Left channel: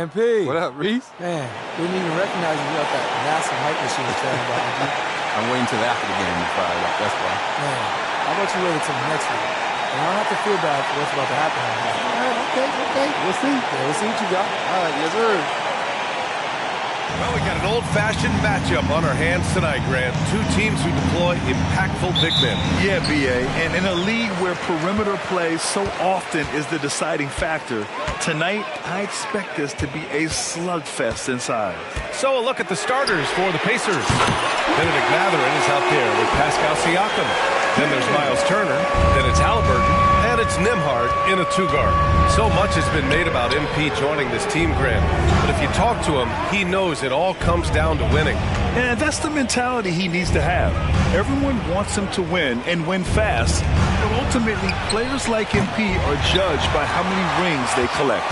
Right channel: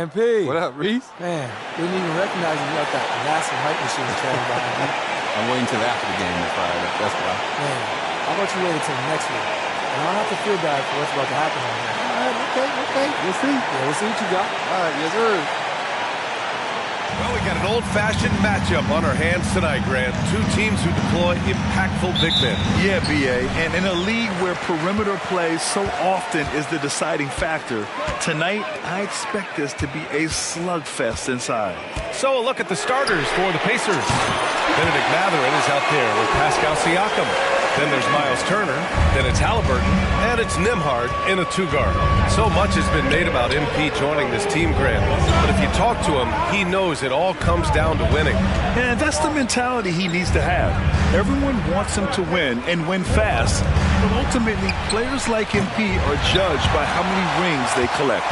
MP. What up, Reese? Man, didn't even recognize you got that massive hype machine trailing behind you. I'm waiting till after the game to fire it up, that's why. Man, how about you wait until next week? And I don't have to feel bad for what's about to happen on here. All right, okay. We'll see. Yeah, we'll see what you got. All right, yes, sir. Well, we got an old-fashioned matchup on our hands tonight, Grant. Two teams who deploy impactful big men. Yeah, B.A., and in a league where perimeter play so often is the deciding factor, tonight I expect this to be a slugfest inside. So a look at the starters for the Pacers. Benedict Mathurin is out there with Pascal Siakam. Then there's Miles Turner. Then it's Halliburton. And it's Nembhard in a two-guard. So much has been made about MP joining this team, Grant. But if you talk to him, he knows it all comes down to winning. And that's the mentality he needs to have. Everyone wants him to win and win fast. But ultimately, players like MP are judged by how many rings they collect.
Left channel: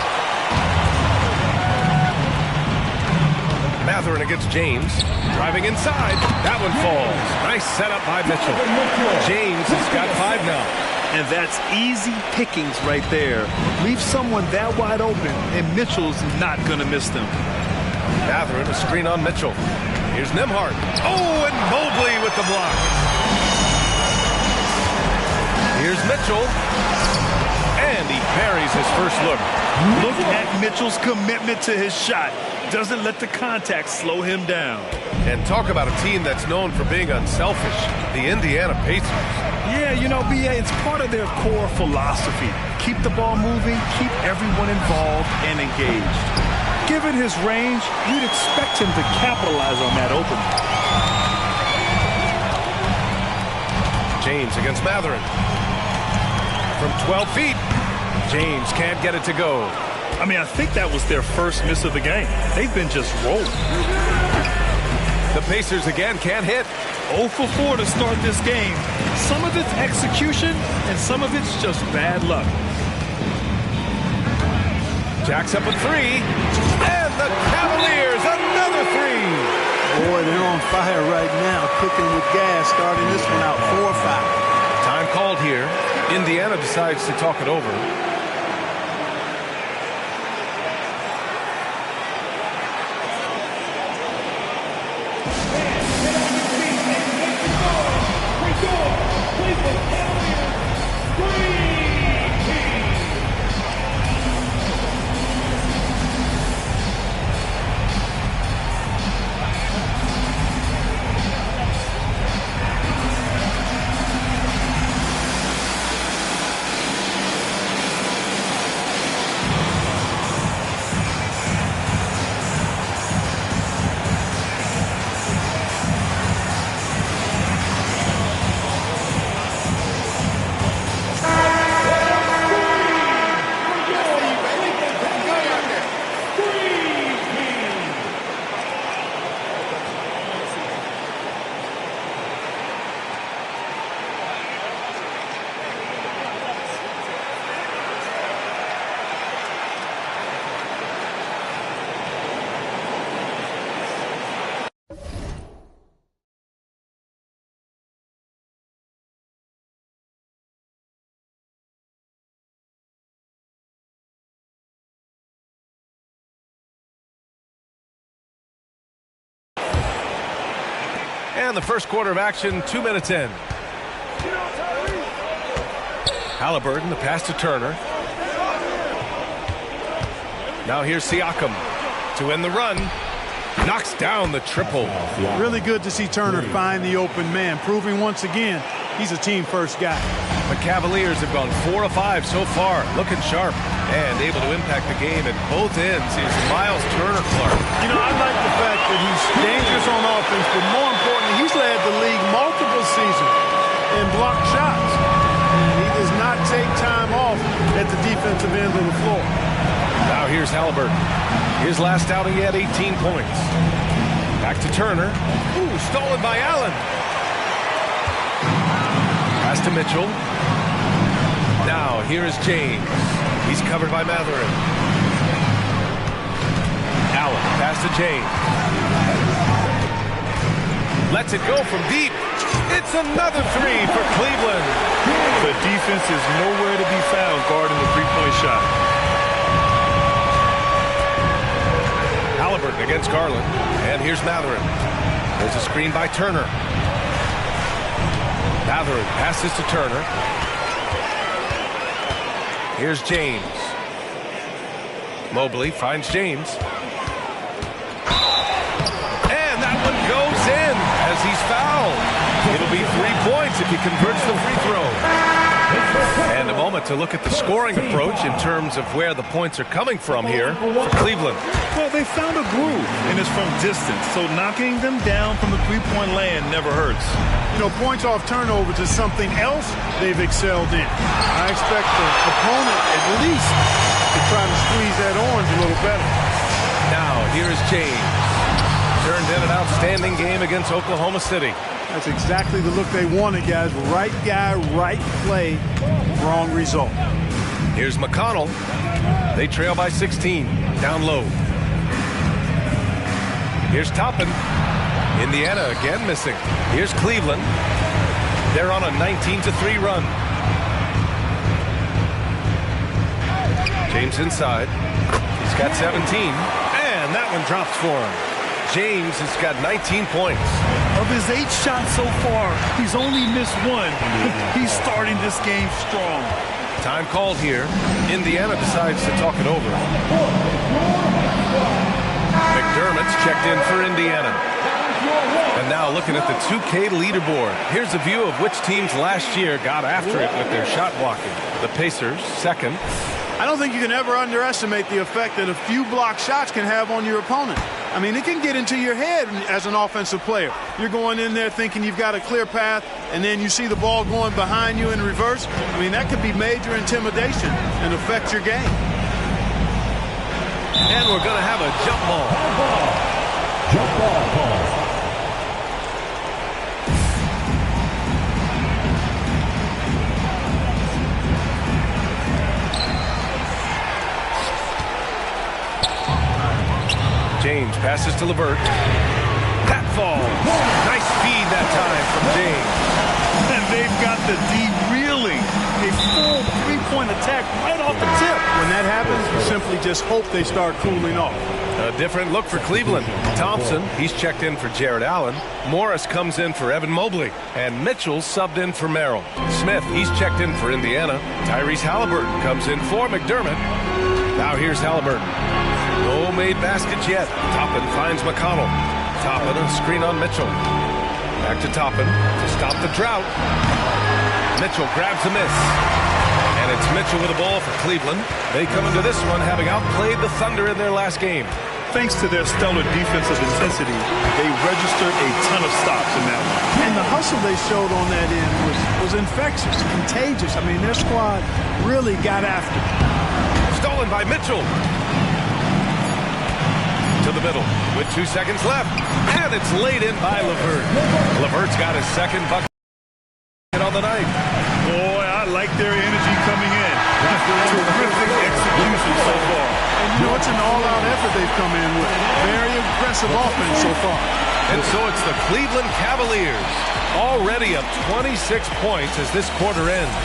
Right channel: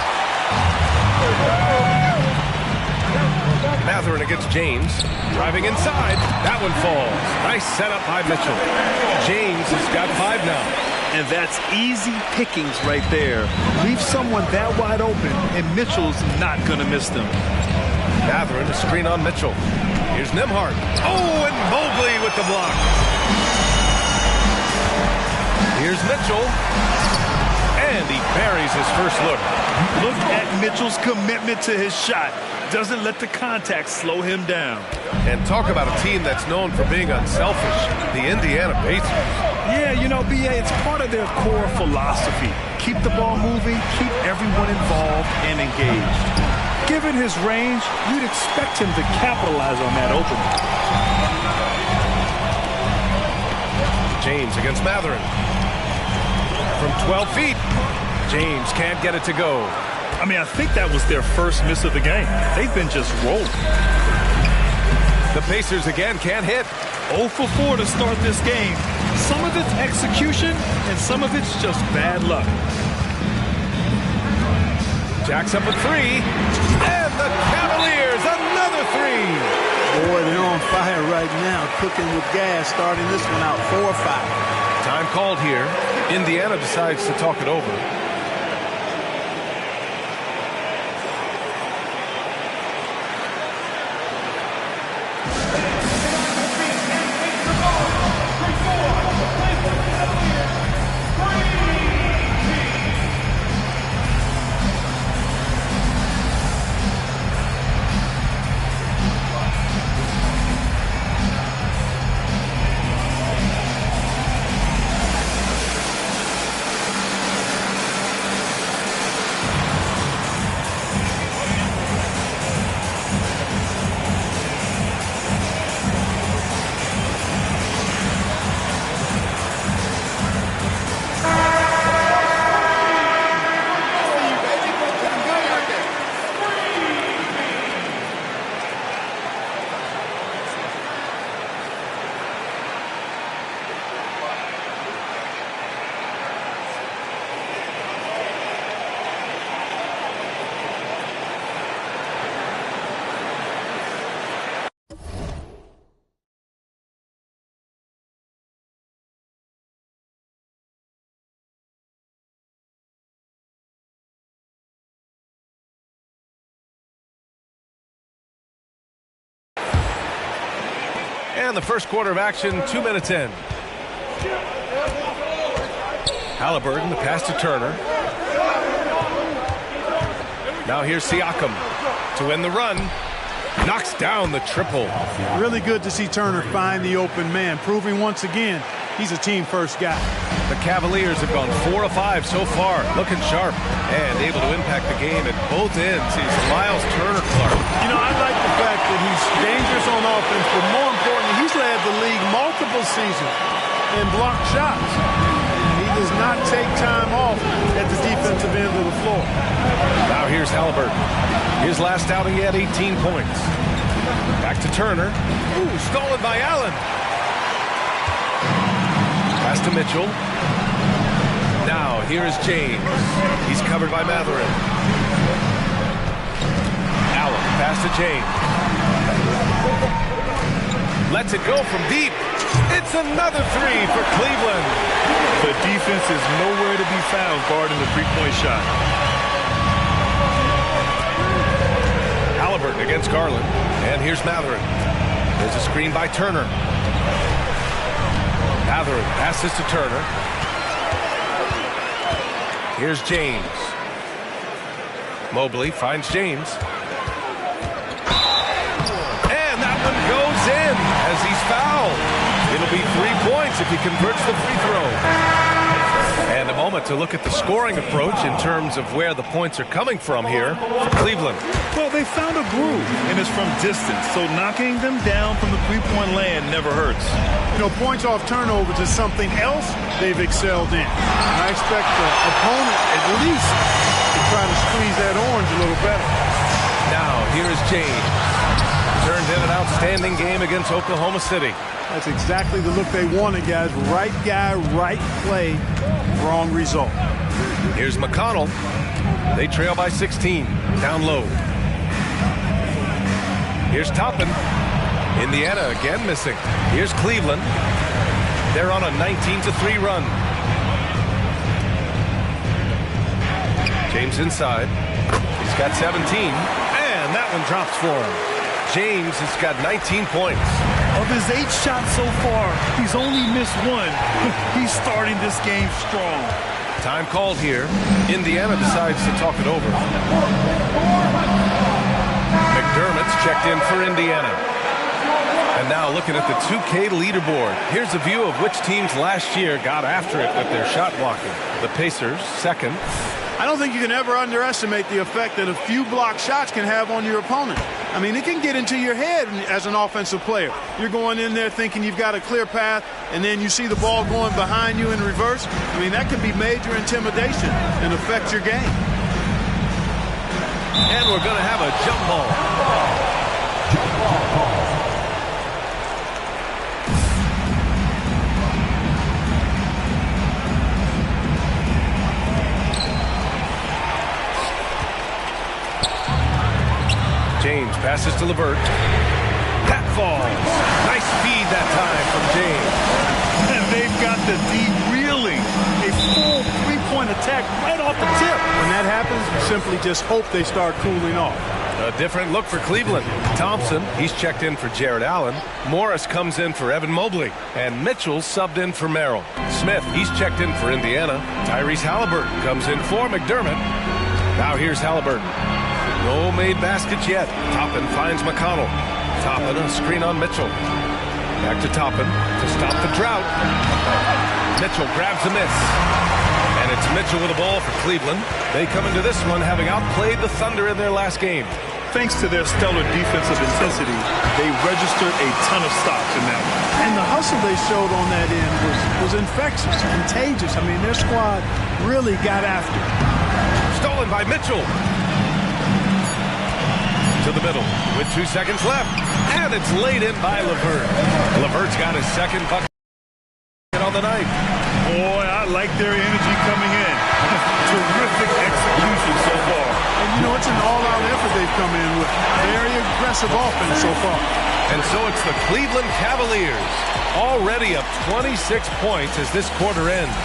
Mathurin against James. Driving inside. That one falls. Nice setup by Mitchell. James has got 5 now. And that's easy pickings right there. Leave someone that wide open, and Mitchell's not going to miss them. Mathurin, a screen on Mitchell. Here's Nembhard. Oh, and Mobley with the block. Here's Mitchell. And he buries his first look. Look at Mitchell's commitment to his shot. Doesn't let the contact slow him down. And talk about a team that's known for being unselfish, the Indiana Pacers. Yeah, you know, B.A., it's part of their core philosophy. Keep the ball moving, keep everyone involved and engaged. Given his range, you'd expect him to capitalize on that opening. James against Mathurin. From 12 feet, James can't get it to go. I mean, I think that was their first miss of the game. They've been just rolling. The Pacers again can't hit. 0 for 4 to start this game. Some of it's execution, and some of it's just bad luck. Jack's up a 3. And the Cavaliers, another 3. Boy, they're on fire right now, cooking with gas, starting this one out 4-5. Time called here. Indiana decides to talk it over. And the first quarter of action, 2 minutes in. Halliburton, the pass to Turner. Now here's Siakam to end the run. Knocks down the triple. Really good to see Turner find the open man, proving once again he's a team-first guy. The Cavaliers have gone 4 of 5 so far, looking sharp and able to impact the game at both ends. He's Miles Turner Clark. You know, I like the fact that he's dangerous on offense, but more importantly, he's led the league multiple seasons in blocked shots. And he does not take time off at the defensive end of the floor. Now here's Halliburton. His last outing, he had 18 points. Back to Turner. Ooh, stolen by Allen. Pass to Mitchell. Now here is James. He's covered by Mathurin. Allen, pass to James. Lets it go from deep. It's another 3 for Cleveland. The defense is nowhere to be found guarding the three-point shot. Halliburton against Garland. And here's Matherin. There's a screen by Turner. Matherin passes to Turner. Here's James. Mobley finds James. And that one goes in as he's fouled. It'll be 3 points if he converts the free throw. And a moment to look at the scoring approach in terms of where the points are coming from here for Cleveland. Well, they found a groove, and it's from distance, so knocking them down from the three-point land never hurts. You know, points off turnovers is something else they've excelled in. I expect the opponent at least to try to squeeze that orange a little better. Now, here is James. Turned in an outstanding game against Oklahoma City. That's exactly the look they wanted, guys. Right guy, right play, wrong result. Here's McConnell. They trail by 16. Down low. Here's Toppin. Indiana again missing. Here's Cleveland. They're on a 19-3 run. James inside. He's got 17. And that one drops for him. James has got 19 points. Of his 8 shots so far, he's only missed 1. He's starting this game strong. Time called here. Indiana decides to talk it over. McDermott's checked in for Indiana. And now looking at the 2K leaderboard. Here's a view of which teams last year got after it with their shot blocking. The Pacers, second. I don't think you can ever underestimate the effect that a few block shots can have on your opponent. I mean, it can get into your head as an offensive player. You're going in there thinking you've got a clear path, and then you see the ball going behind you in reverse. I mean, that could be major intimidation and affect your game. And we're going to have a jump ball. Jump ball call. James passes to LeVert. That falls. Nice feed that time from James. And they've got the D reeling. A full three-point attack right off the tip. When that happens, you simply just hope they start cooling off. A different look for Cleveland. Thompson, he's checked in for Jared Allen. Morris comes in for Evan Mobley. And Mitchell subbed in for Merrill. Smith, he's checked in for Indiana. Tyrese Halliburton comes in for McDermott. Now here's Halliburton. No made baskets yet. Toppin finds McConnell. Toppin, a screen on Mitchell. Back to Toppin to stop the drought. Mitchell grabs a miss. And it's Mitchell with the ball for Cleveland. They come into this one having outplayed the Thunder in their last game. Thanks to their stellar defensive intensity, they registered a ton of stops in that one. And the hustle they showed on that end was infectious, contagious. I mean, their squad really got after it. Stolen by Mitchell. To the middle with 2 seconds left. And it's laid in by LeVert. LeVert's got his second bucket on the night. Boy, I like their energy coming in. Terrific execution so far. And, you know, it's an all-out effort they've come in with. Very aggressive offense so far. And so it's the Cleveland Cavaliers, already up 26 points as this quarter ends.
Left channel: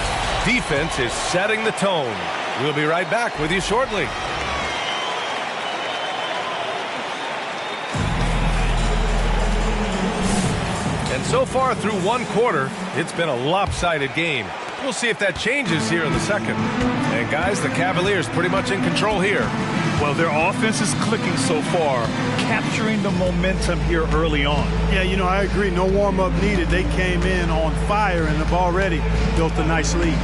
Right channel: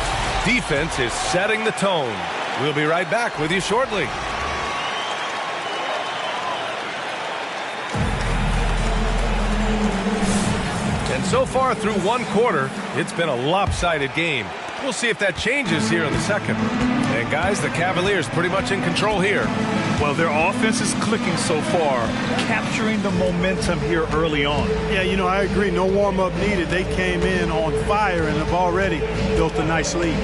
Defense is setting the tone. We'll be right back with you shortly. And so far through one quarter, it's been a lopsided game. We'll see if that changes here in the second. And guys, the Cavaliers pretty much in control here. Well, their offense is clicking so far, capturing the momentum here early on. Yeah, you know, I agree. No warm-up needed. They came in on fire and have already built a nice lead.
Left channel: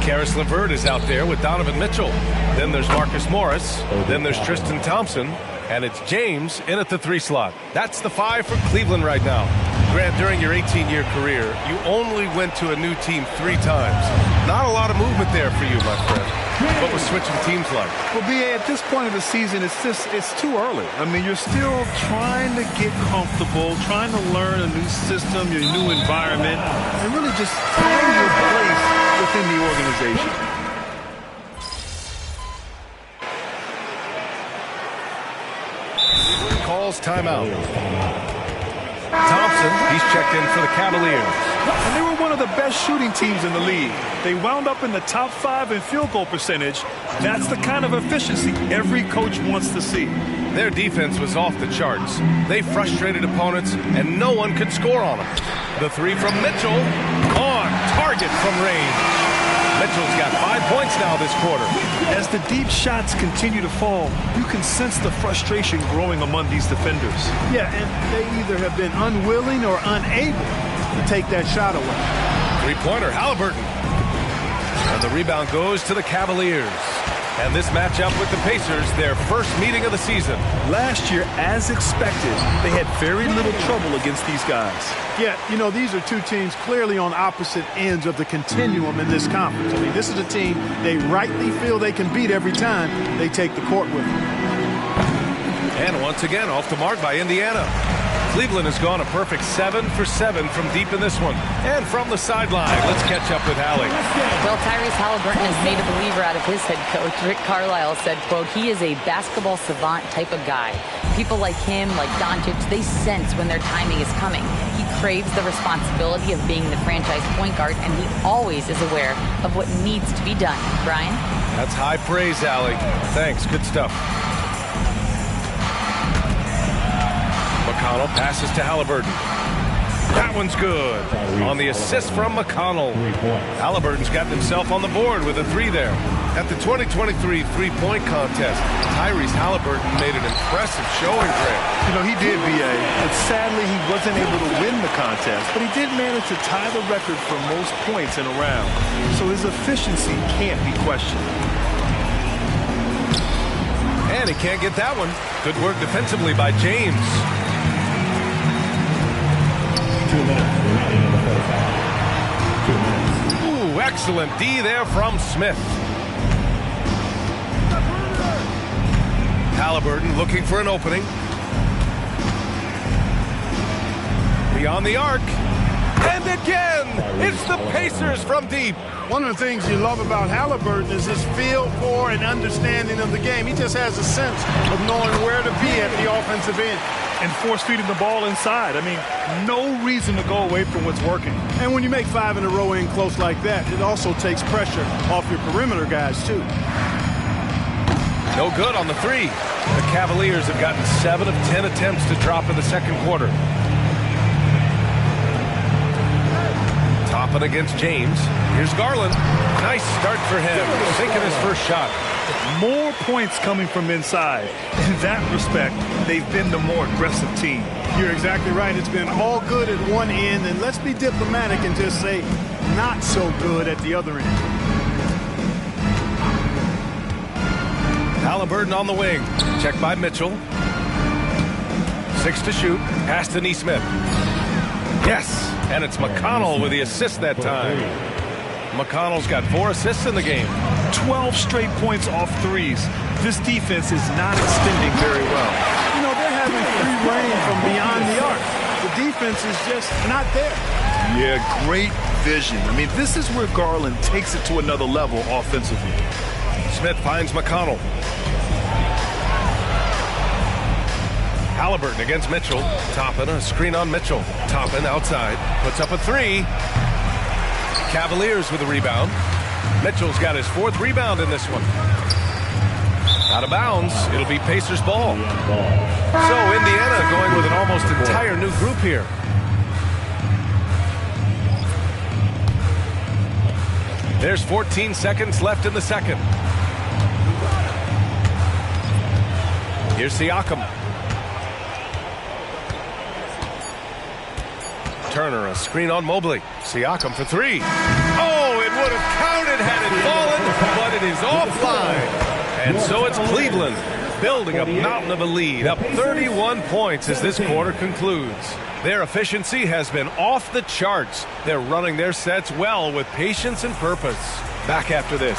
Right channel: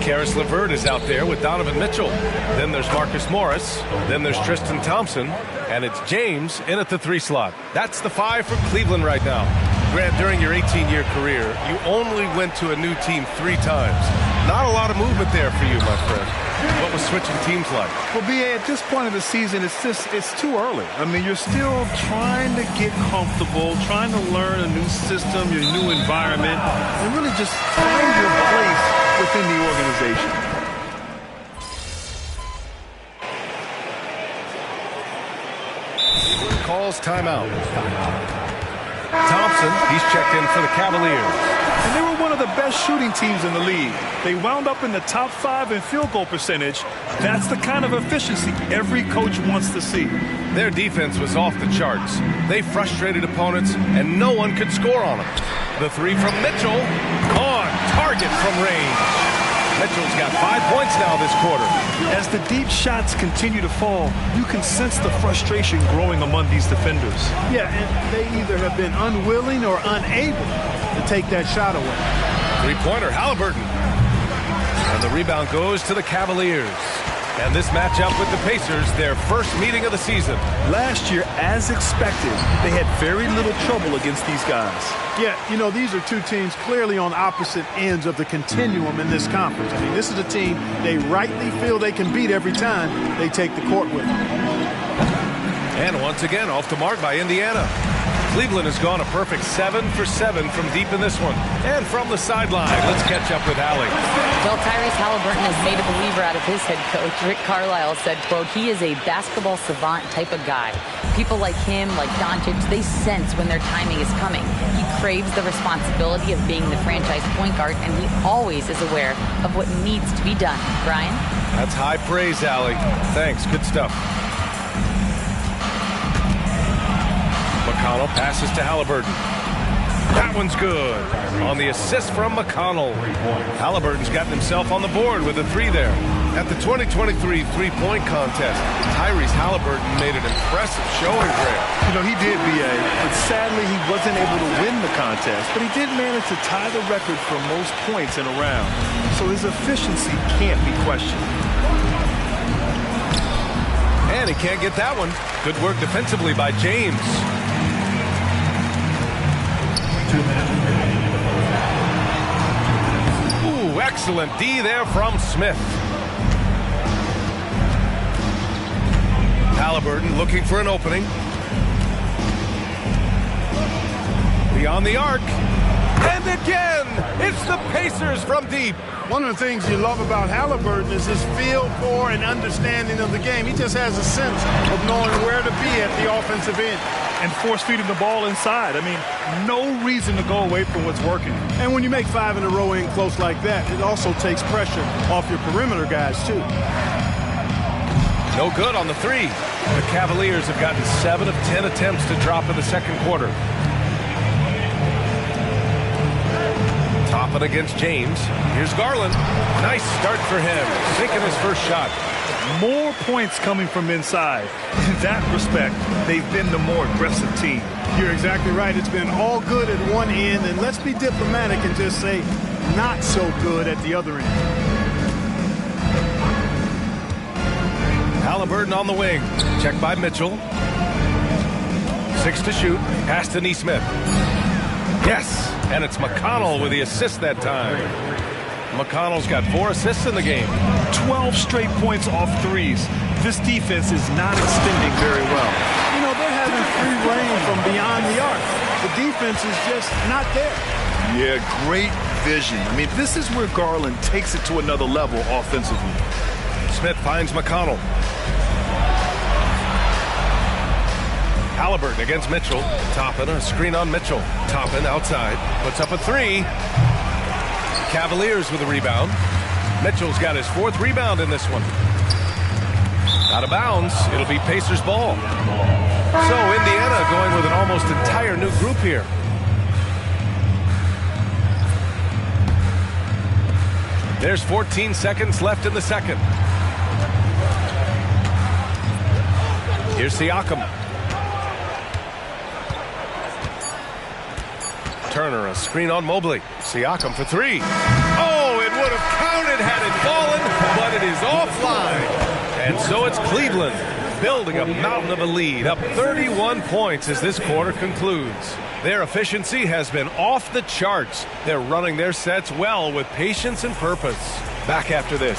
Karis LeVert is out there with Donovan Mitchell. Then there's Marcus Morris. Then there's Tristan Thompson. And it's James in at the 3 slot. That's the 5 for Cleveland right now. Grant, during your 18-year career, you only went to a new team 3 times. Not a lot of movement there for you, my friend. What was switching teams like? Well, B.A., at this point of the season, it's too early. I mean, you're still trying to get comfortable, trying to learn a new system, your new environment, and really just find your place within the organization. Cleveland calls timeout. Thompson, he's checked in for the Cavaliers. And they were one of the best shooting teams in the league. They wound up in the top 5 in field goal percentage. That's the kind of efficiency every coach wants to see. Their defense was off the charts. They frustrated opponents, and no one could score on them. The three from Mitchell, on target from range. Mitchell's got 5 points now this quarter. As the deep shots continue to fall, you can sense the frustration growing among these defenders. Yeah, and they either have been unwilling or unable to take that shot away. Three-pointer, Halliburton. And the rebound goes to the Cavaliers. And this matchup with the Pacers, their first meeting of the season. Last year, as expected, they had very little trouble against these guys. Yeah, you know, these are two teams clearly on opposite ends of the continuum in this conference. I mean, this is a team they rightly feel they can beat every time they take the court with them. And once again, off the mark by Indiana. Cleveland has gone a perfect 7 for 7 from deep in this one. And from the sideline, let's catch up with Allie. Well, Tyrese Halliburton has made a believer out of his head coach. Rick Carlisle said, quote, he is a basketball savant type of guy. People like him, like Doncic, they sense when their timing is coming. He craves the responsibility of being the franchise point guard, and he always is aware of what needs to be done. Brian? That's high praise, Allie. Thanks. Good stuff. McConnell passes to Halliburton. That one's good. On the assist from McConnell. Halliburton's gotten himself on the board with a three there. At the 2023 three-point contest, Tyrese Halliburton made an impressive showing there. You know, he did, B.A., but sadly he wasn't able to win the contest, but he did manage to tie the record for most points in a round. So his efficiency can't be questioned. And he can't get that one. Good work defensively by James. 2 minutes. Ooh, excellent D there from Smith. Halliburton looking for an opening. Beyond the arc. And again, it's the Pacers from deep. One of the things you love about Halliburton is his feel for and understanding of the game. He just has a sense of knowing where to be at the offensive end. And force-feeding the ball inside. I mean, no reason to go away from what's working. And when you make 5 in a row in close like that, it also takes pressure off your perimeter guys, too. No good on the three. The Cavaliers have gotten 7 of 10 attempts to drop in the second quarter. Toppin against James. Here's Garland. Nice start for him. Sinking his first shot. More points coming from inside. In that respect, they've been the more aggressive team. You're exactly right. It's been all good at one end, and let's be diplomatic and just say not so good at the other end. Halliburton on the wing. Check by Mitchell. 6 to shoot. Pass to Nesmith. Yes, and it's McConnell with the assist that time. McConnell's got 4 assists in the game. 12 straight points off threes. This defense is not extending very well. You know, they're having free reign from beyond the arc. The defense is just not there. Yeah, great vision. I mean, this is where Garland takes it to another level offensively. Smith finds McConnell. Halliburton against Mitchell. Toppin, a screen on Mitchell. Toppin outside. Puts up a three. Cavaliers with a rebound. Mitchell's got his 4th rebound in this one. Out of bounds. It'll be Pacers ball. So Indiana going with an almost entire new group here. There's 14 seconds left in the second. Here's Siakam. Turner, a screen on Mobley. Siakam for 3. Oh, it would have counted had it fallen, but it is offline. And so it's Cleveland building a mountain of a lead, up 31 points as this quarter concludes. Their efficiency has been off the charts. They're running their sets well with patience and purpose. Back after this.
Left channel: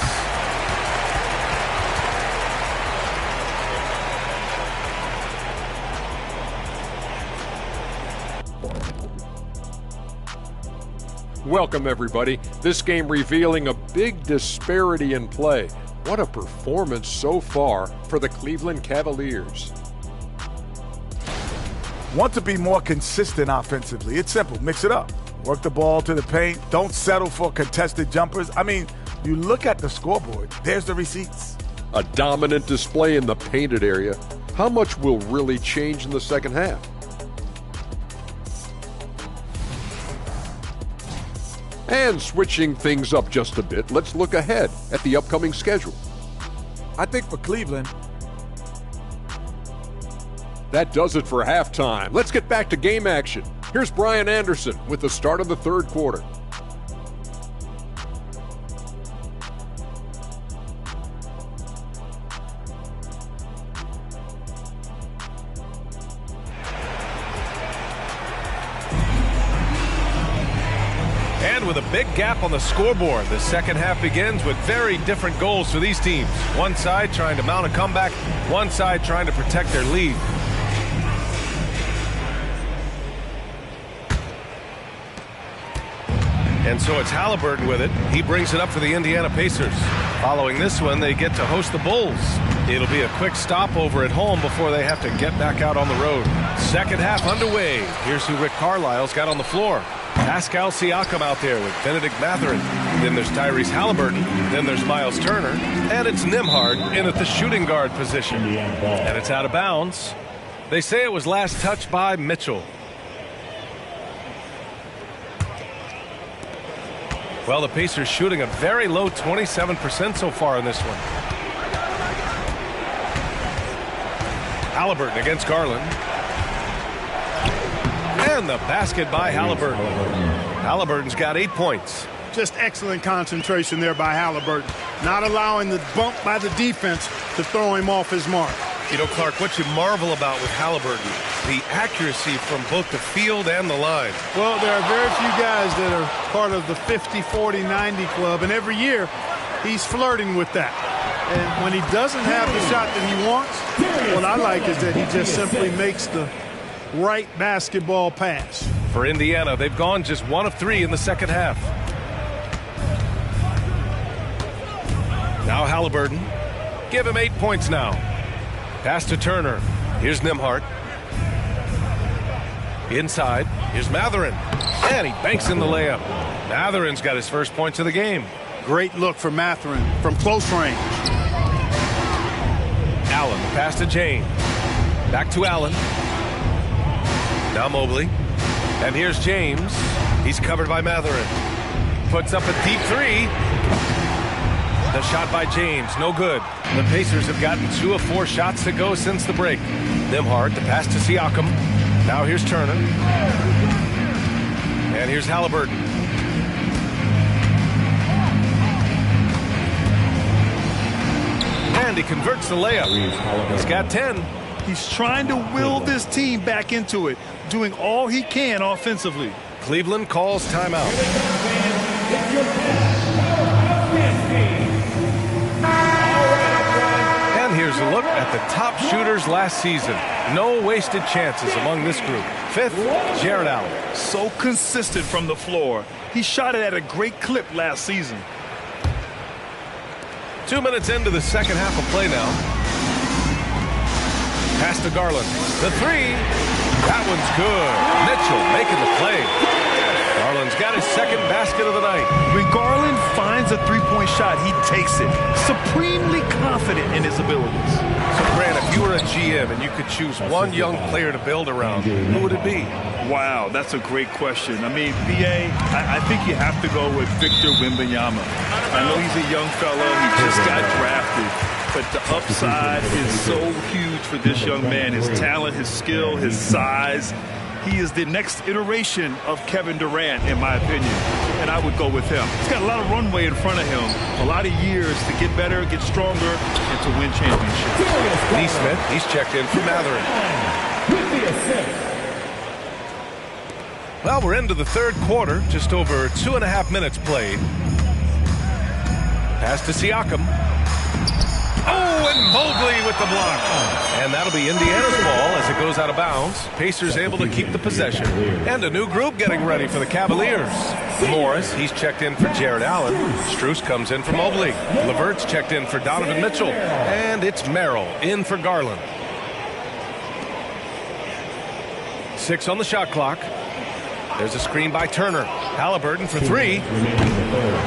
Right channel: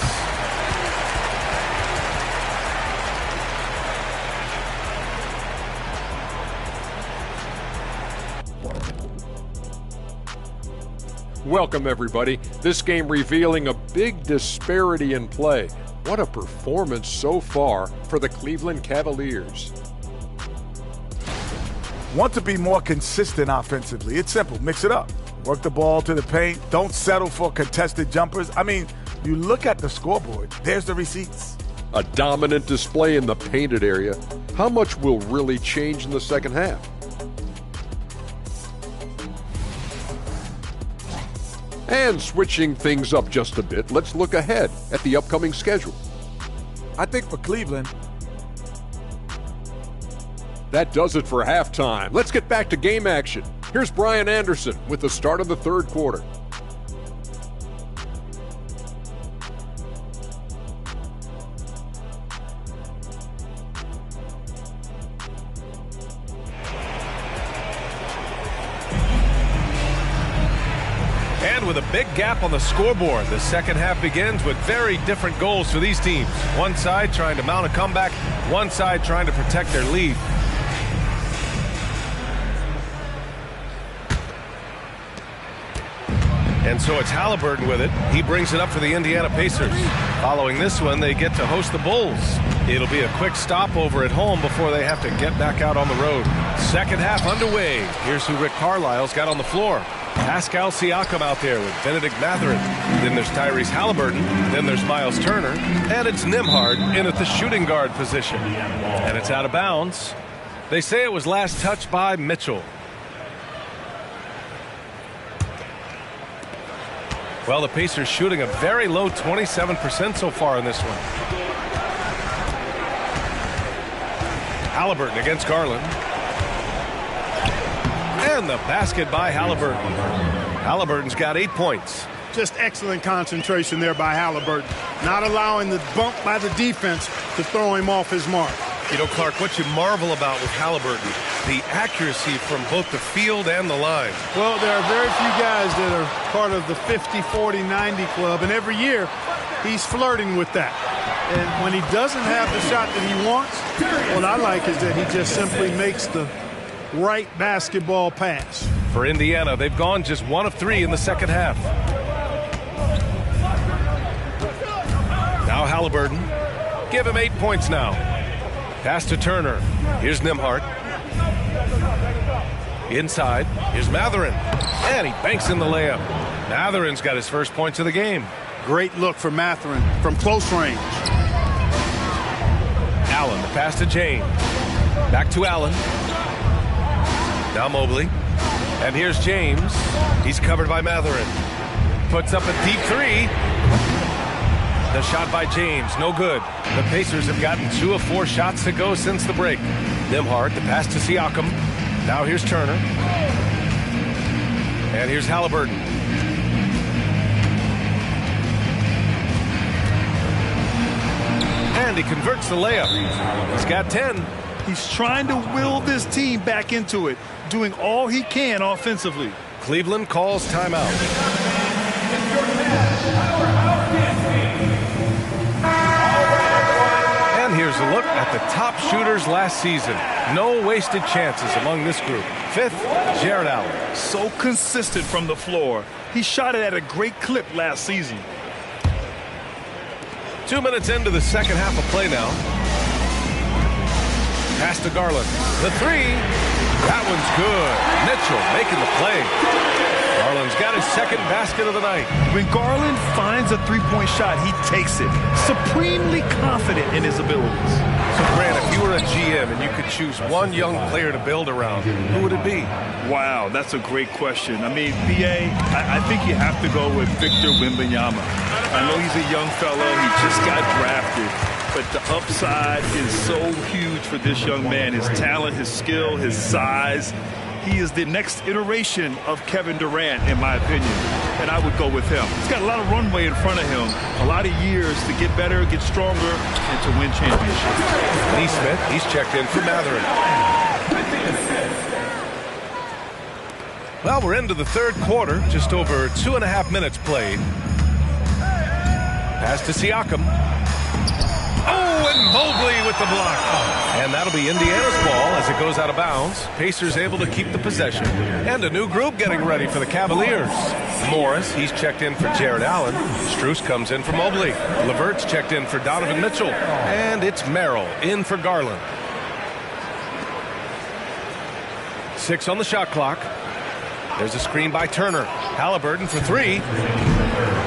Welcome, everybody. This game revealing a big disparity in play. What a performance so far for the Cleveland Cavaliers. Want to be more consistent offensively. It's simple. Mix it up. Work the ball to the paint. Don't settle for contested jumpers. I mean, you look at the scoreboard. There's the receipts. A dominant display in the painted area. How much will really change in the second half? And switching things up just a bit, let's look ahead at the upcoming schedule. I think for Cleveland, that does it for halftime. Let's get back to game action. Here's Brian Anderson with the start of the third quarter. And with a big gap on the scoreboard, the second half begins with very different goals for these teams. One side trying to mount a comeback, one side trying to protect their lead. And so it's Halliburton with it. He brings it up for the Indiana Pacers. Following this one, they get to host the Bulls. It'll be a quick stopover at home before they have to get back out on the road. Second half underway. Here's who Rick Carlisle's got on the floor. Pascal Siakam out there with Benedict Mathurin. Then there's Tyrese Halliburton. Then there's Miles Turner. And it's Nembhard in at the shooting guard position. And it's out of bounds. They say it was last touched by Mitchell. Well, the Pacers shooting a very low 27% so far in this one. Halliburton against Garland. And the basket by Halliburton. Halliburton's got 8 points. Just excellent concentration there by Halliburton. Not allowing the bump by the defense to throw him off his mark. You know, Clark, what you marvel about with Halliburton, the accuracy from both the field and the line. Well, there are very few guys that are part of the 50, 40, 90 club, and every year he's flirting with that. And when he doesn't have the shot that he wants, what I like is that he just simply makes the right basketball pass. For Indiana, they've gone just 1 of 3 in the second half. Now Halliburton. Give him 8 points now. Pass to Turner. Here's Nembhard. Inside. Here's Mathurin. And he banks in the layup. Mathurin's got his first points of the game. Great look for Mathurin from close range. Allen, the pass to James. Back to Allen. Now Mobley. And here's James. He's covered by Mathurin. Puts up a deep 3. The shot by James, no good. The Pacers have gotten 2 of 4 shots to go since the break. Nembhard, the pass to Siakam. Now here's Turner. And here's Halliburton. And he converts the layup. He's got 10. He's trying to will this team back into it, doing all he can offensively. Cleveland calls timeout. And here's a look at the top shooters last season. No wasted chances among this group. 5th, Jared Allen. So consistent from the floor. He shot it at a great clip last season. 2 minutes into the second half of play now. Pass to Garland. The 3. That one's good. Mitchell making the play. Garland's got his second basket of the night. When Garland finds a three-point shot, he takes it. Supremely confident in his abilities. So, Grant, if you were a GM and you could choose one young player to build around, who would it be? Wow, that's a great question. I mean, B.A., I think you have to go with Victor Wembanyama. I know he's a young fella. He just got drafted. But the upside is so huge for this young man. His talent, his skill, his size. He is the next iteration of Kevin Durant, in my opinion. And I would go with him. He's got a lot of runway in front of him. A lot of years to get better, get stronger, and to win championships. Neesmith, he's checked in for Mathurin. Well, we're into the third quarter. Just over 2.5 minutes played. Pass to Siakam. Oh, and Mobley with the block. And that'll be Indiana's ball as it goes out of bounds. Pacers able to keep the possession. And a new group getting ready for the Cavaliers. Morris, he's checked in for Jared Allen. Strus comes in for Mobley. Levert's checked in for Donovan Mitchell. And it's Merrill in for Garland. 6 on the shot clock. There's a screen by Turner. Halliburton for three.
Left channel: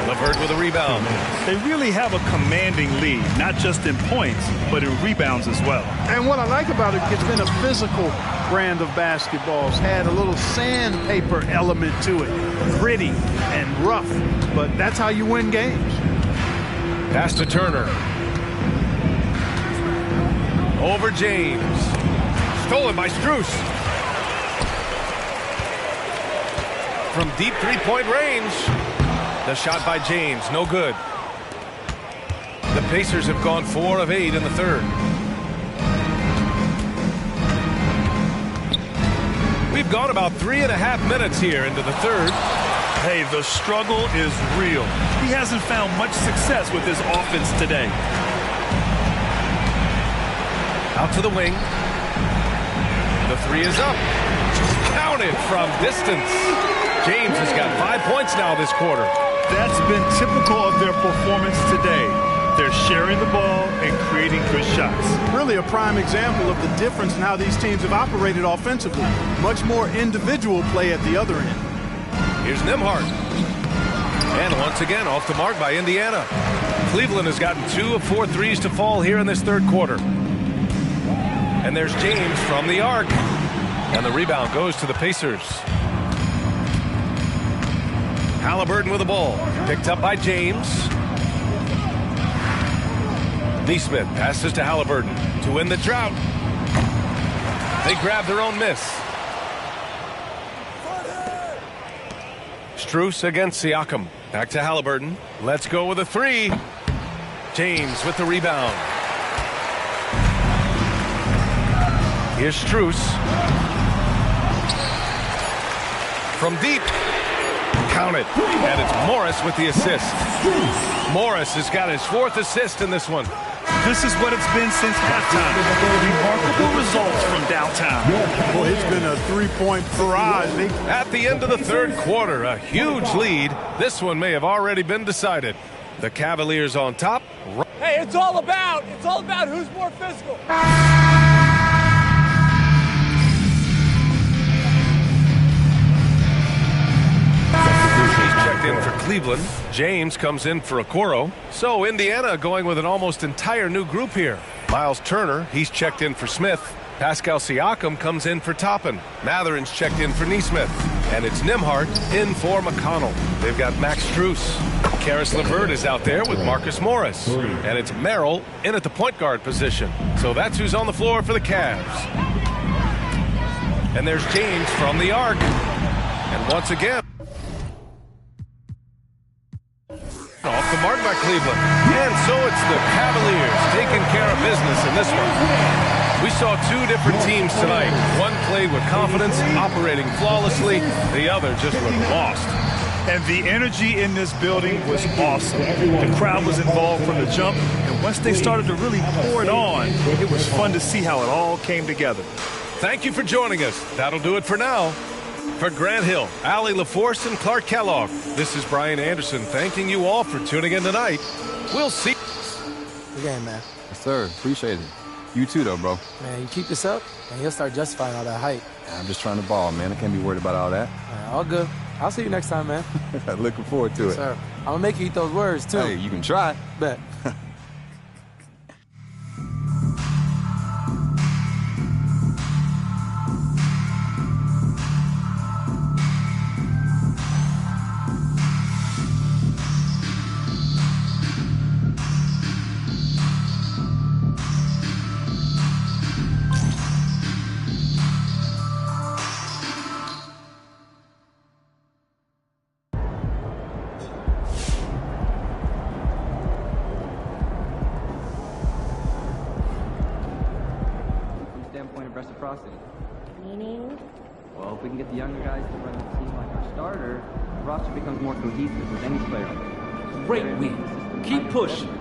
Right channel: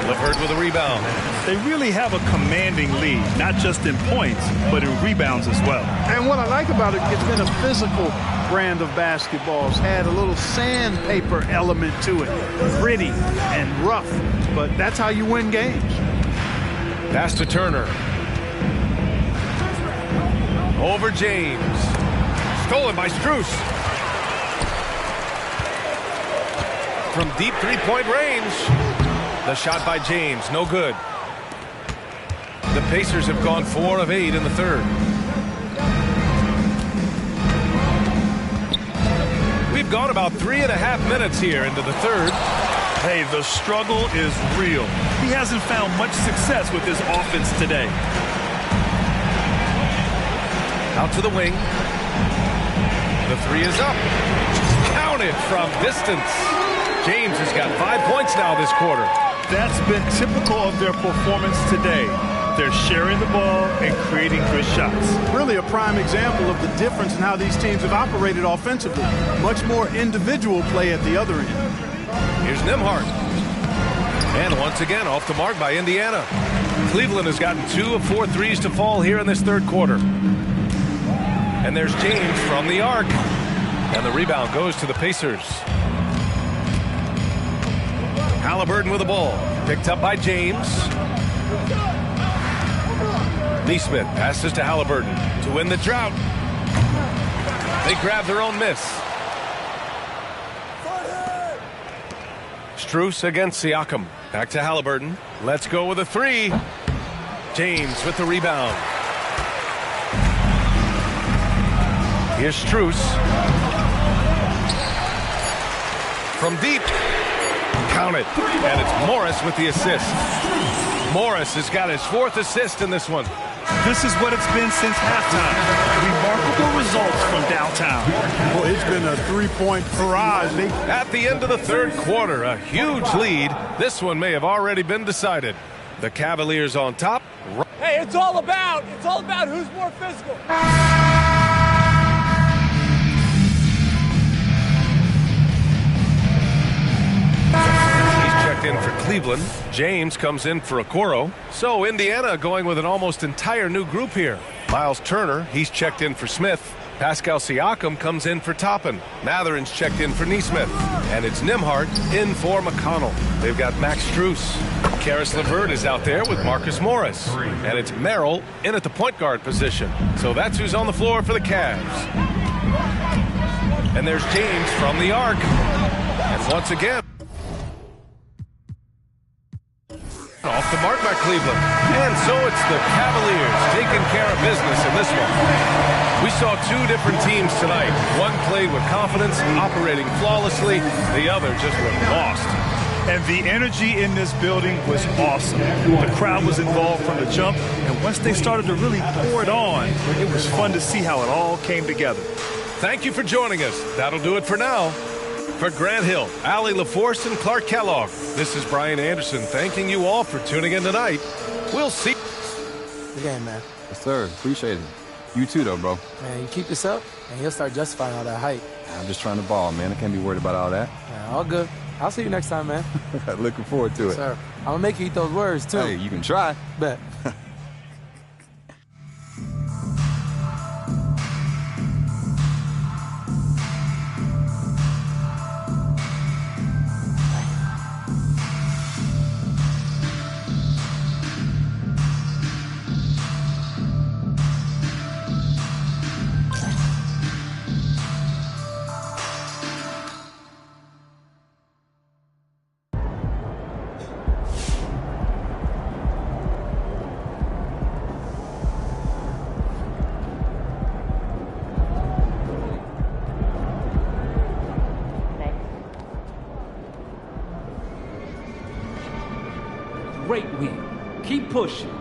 LeVert with a rebound. They really have a commanding lead, not just in points, but in rebounds as well. And what I like about it, it's been a physical brand of basketball. It's had a little sandpaper element to it, gritty and rough, but that's how you win games. Pass to Turner. Over James. Stolen by Strus. From deep three-point range. The shot by James, no good. The Pacers have gone 4 of 8 in the third. We've gone about 3.5 minutes here into the third. Hey, the struggle is real. He hasn't found much success with his offense today. Out to the wing. The three is up. Counted from distance. James has got 5 points now this quarter. That's been typical of their performance today. They're sharing the ball and creating good shots. Really a prime example of the difference in how these teams have operated offensively. Much more individual play at the other end. Here's Nembhard. And once again, off the mark by Indiana. Cleveland has gotten 2 of 4 threes to fall here in this third quarter. And there's James from the arc. And the rebound goes to the Pacers. Halliburton with the ball. Picked up by James. Neesmith passes to Halliburton to win the drought. They grab their own miss. Strus against Siakam. Back to Halliburton. Let's go with a three. James with the rebound. Here's Strus. From deep. Count it. And it's Morris with the assist. Morris has got his 4th assist in this one. This is what it's been since halftime. Remarkable results from downtown. Boy, it's been a three-point barrage. At the end of the third quarter, a huge lead. This one may have already been decided. The Cavaliers on top. Hey, it's all about who's more physical. He's checked in for Cleveland. James comes in for Okoro. So Indiana going with an almost entire new group here. Miles Turner, he's checked in for Smith. Pascal Siakam comes in for Toppin. Matherin's checked in for Neesmith. And it's Nembhard in for McConnell. They've got Max Strus. Karis LeVert is out there with Marcus Morris. And it's Merrill in at the point guard position. So that's who's on the floor for the Cavs. And there's James from the arc. And once again, off the mark by Cleveland. And so it's the Cavaliers taking care of business in this one. We saw 2 different teams tonight. One played with confidence, operating flawlessly. The other just looked lost. And the energy in this building was awesome. The crowd was involved from the jump, and once they started to really pour it on, it was fun to see how it all came together. Thank you for joining us. That'll do it for now. For Grant Hill, Allie LaForce, and Clark Kellogg, this is Brian Anderson thanking you all for tuning in tonight. We'll see. Good game, man. Yes, sir. Appreciate it. You too, though, bro. Man, you keep this up, and you'll start justifying all that hype. I'm just trying to ball, man. I can't be worried about all that. Man, all good. I'll see you next time, man. Looking forward to it. Sir, I'm going to make you eat those words, too. Hey, you can try. Bet. Great win. Keep pushing.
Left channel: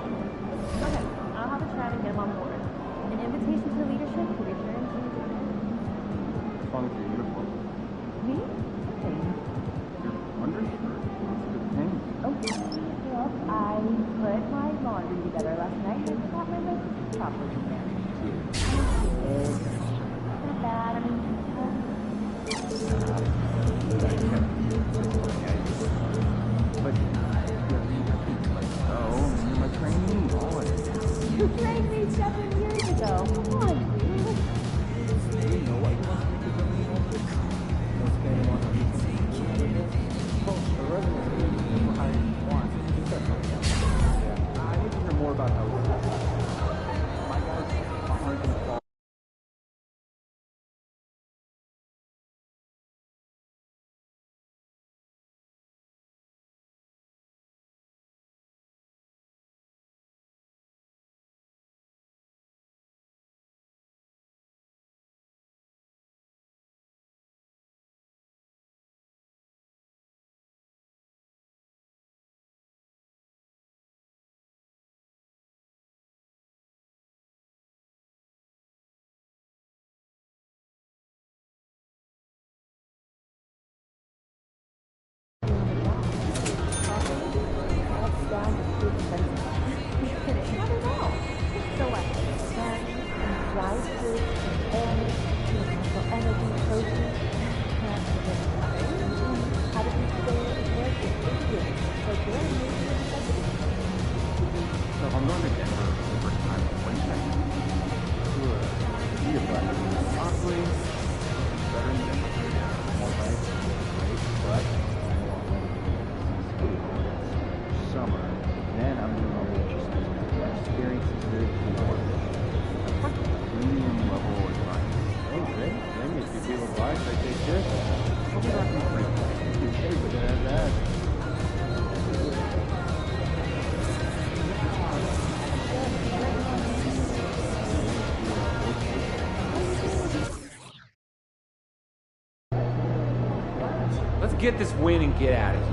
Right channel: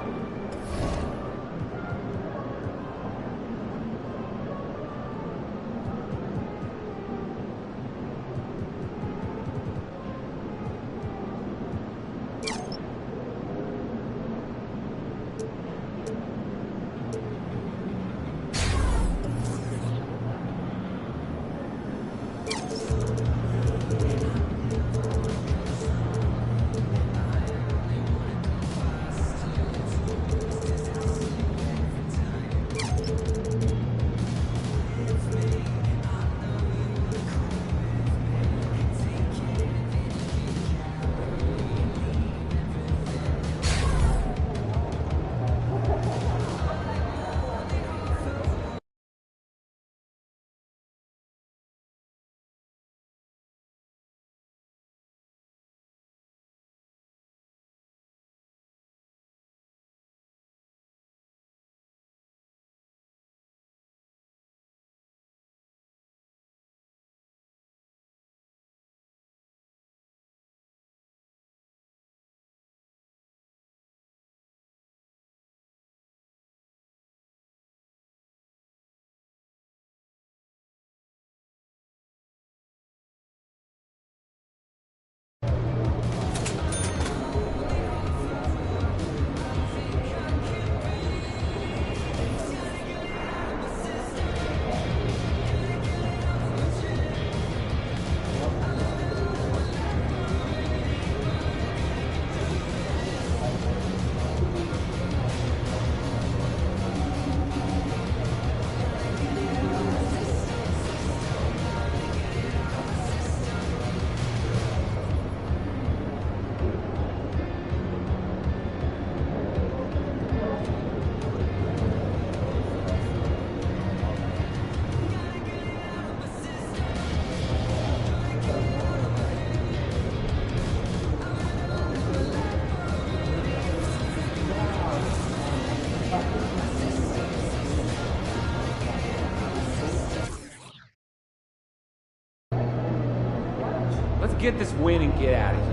get this win and get out of here.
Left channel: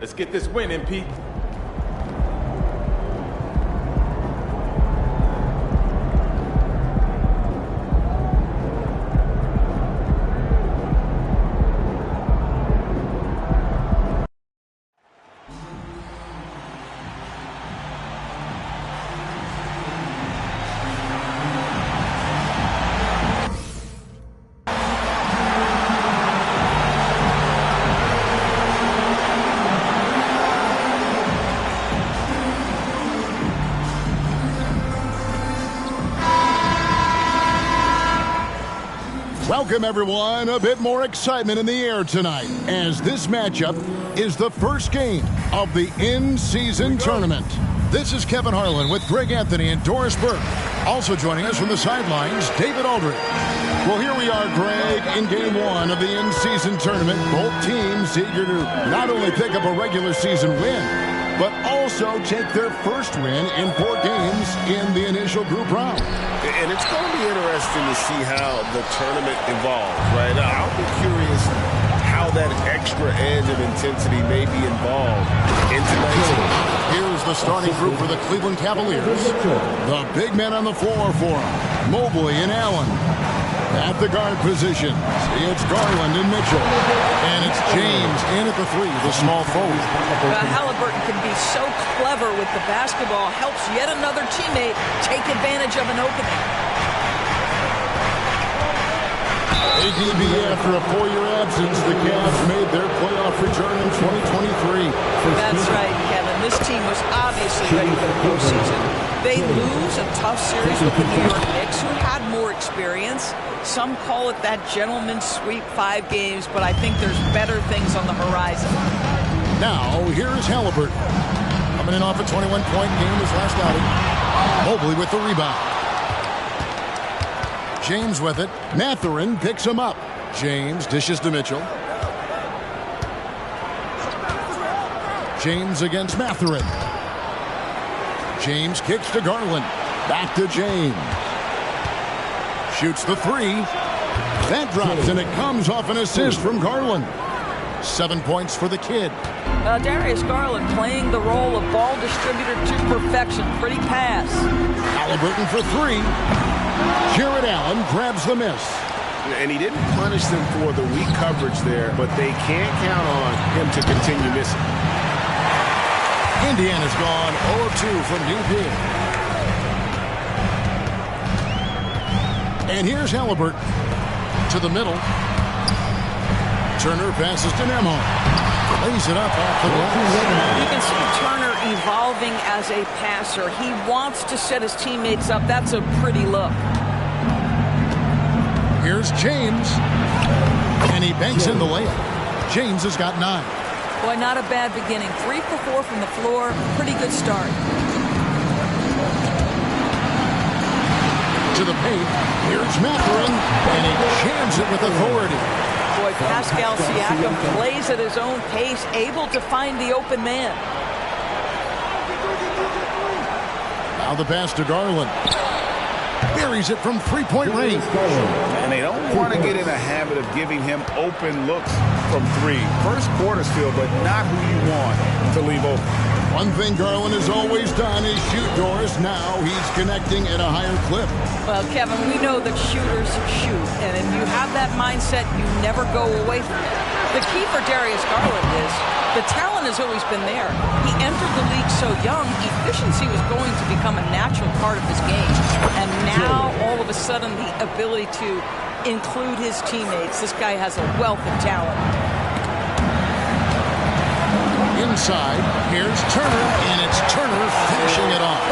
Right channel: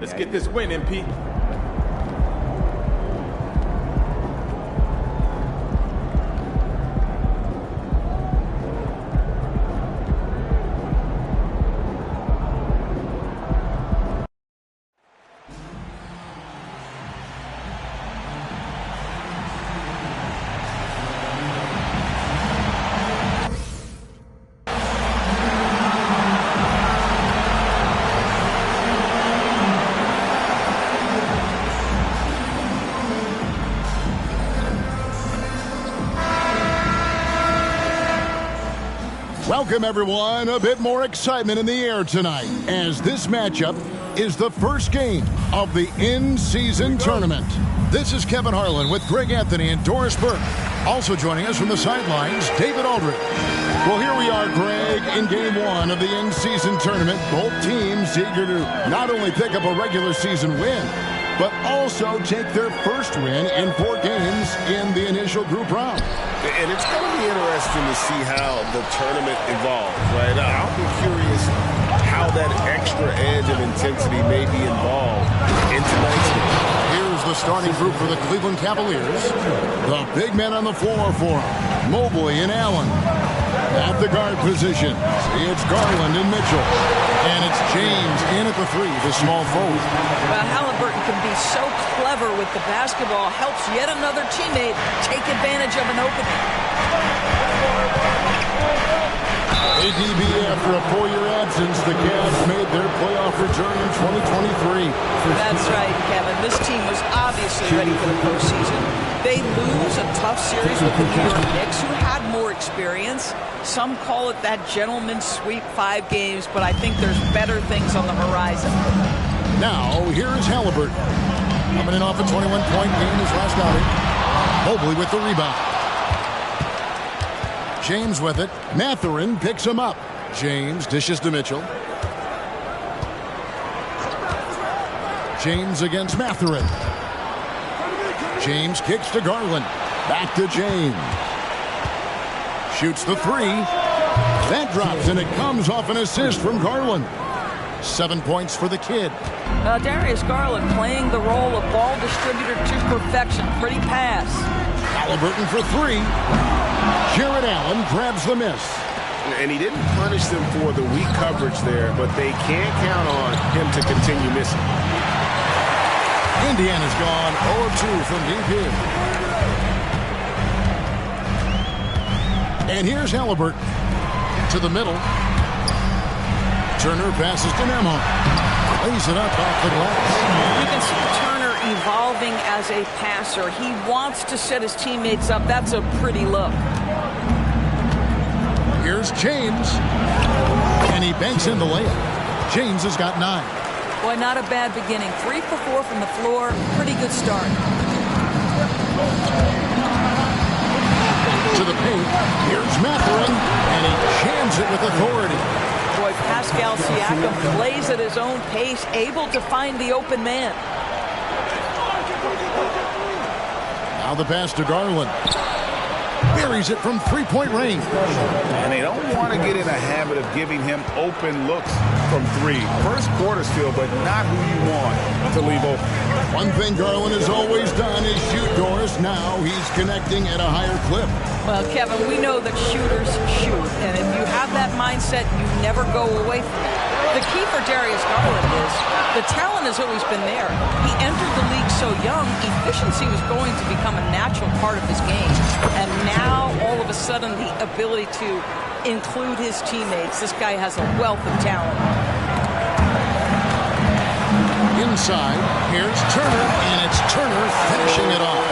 Let's get this win, MP. Welcome, everyone. A bit more excitement in the air tonight as this matchup is the first game of the in-season tournament. This is Kevin Harlan with Greg Anthony and Doris Burke. Also joining us from the sidelines, David Aldridge. Well, here we are, Greg, in game one of the in-season tournament. Both teams eager to not only pick up a regular season win, but also take their first win in 4 games in the initial group round. And it's going to be interesting to see how the tournament evolves, right? I'll be curious how that extra edge of intensity may be involved in tonight's game. Here's the starting group for the Cleveland Cavaliers. The big men on the floor for them, Mobley and Allen. At the guard positions, it's Garland and Mitchell. And it's James in at the 3, the small forward. Well, Halliburton can be so clever with the basketball, helps yet another teammate take advantage of an opening. ADB, after a 4-year absence, the Cavs made their playoff return in 2023. That's right, Kevin. This team was obviously ready for the postseason. They lose a tough series with the New York Knicks, who had more experience. Some call it that gentleman's sweep, 5 games, but I think there's better things on the horizon. Now, here is Halliburton. Coming in off a 21-point game his last outing. Mobley with the rebound. James with it. Mathurin picks him up. James dishes to Mitchell. James against Mathurin. James kicks to Garland. Back to James. Shoots the 3. That drops, and it comes off an assist from Garland. 7 points for the kid. Darius Garland playing the role of ball distributor to perfection. Pretty pass. Halliburton for 3. Jared Allen grabs the miss. And he didn't punish them for the weak coverage there, but they can't count on him to continue missing. Indiana's gone 0-2 from deep here. And here's Halliburton to the middle. Turner passes to Nembhard. Lays it up off the glass. You can see Turner evolving as a passer. He wants to set his teammates up. That's a pretty look. Here's James. And he banks in the layup. James has got 9. Boy, not a bad beginning. 3 for 4 from the floor. Pretty good start. To the paint. Here's Mathurin. And he jams it with authority. Boy, Pascal Siakam plays at his own pace, able to find the open man. Now the pass to Garland. Buries it from 3-point range. And they don't want to get in a habit of giving him open looks from 3. First quarter's feel, but not who you want to leave open. One thing Garland has always done is shoot, Doris. Now he's connecting at a higher clip. Well, Kevin, we know that shooters shoot, and if you have that mindset, you never go away from it. The key for Darius Garland is the talent has always been there. He entered the league so young, efficiency was going to become a natural part of his game. And now, all of a sudden, the ability to include his teammates. This guy has a wealth of talent. Inside, here's Turner, and it's Turner finishing it off.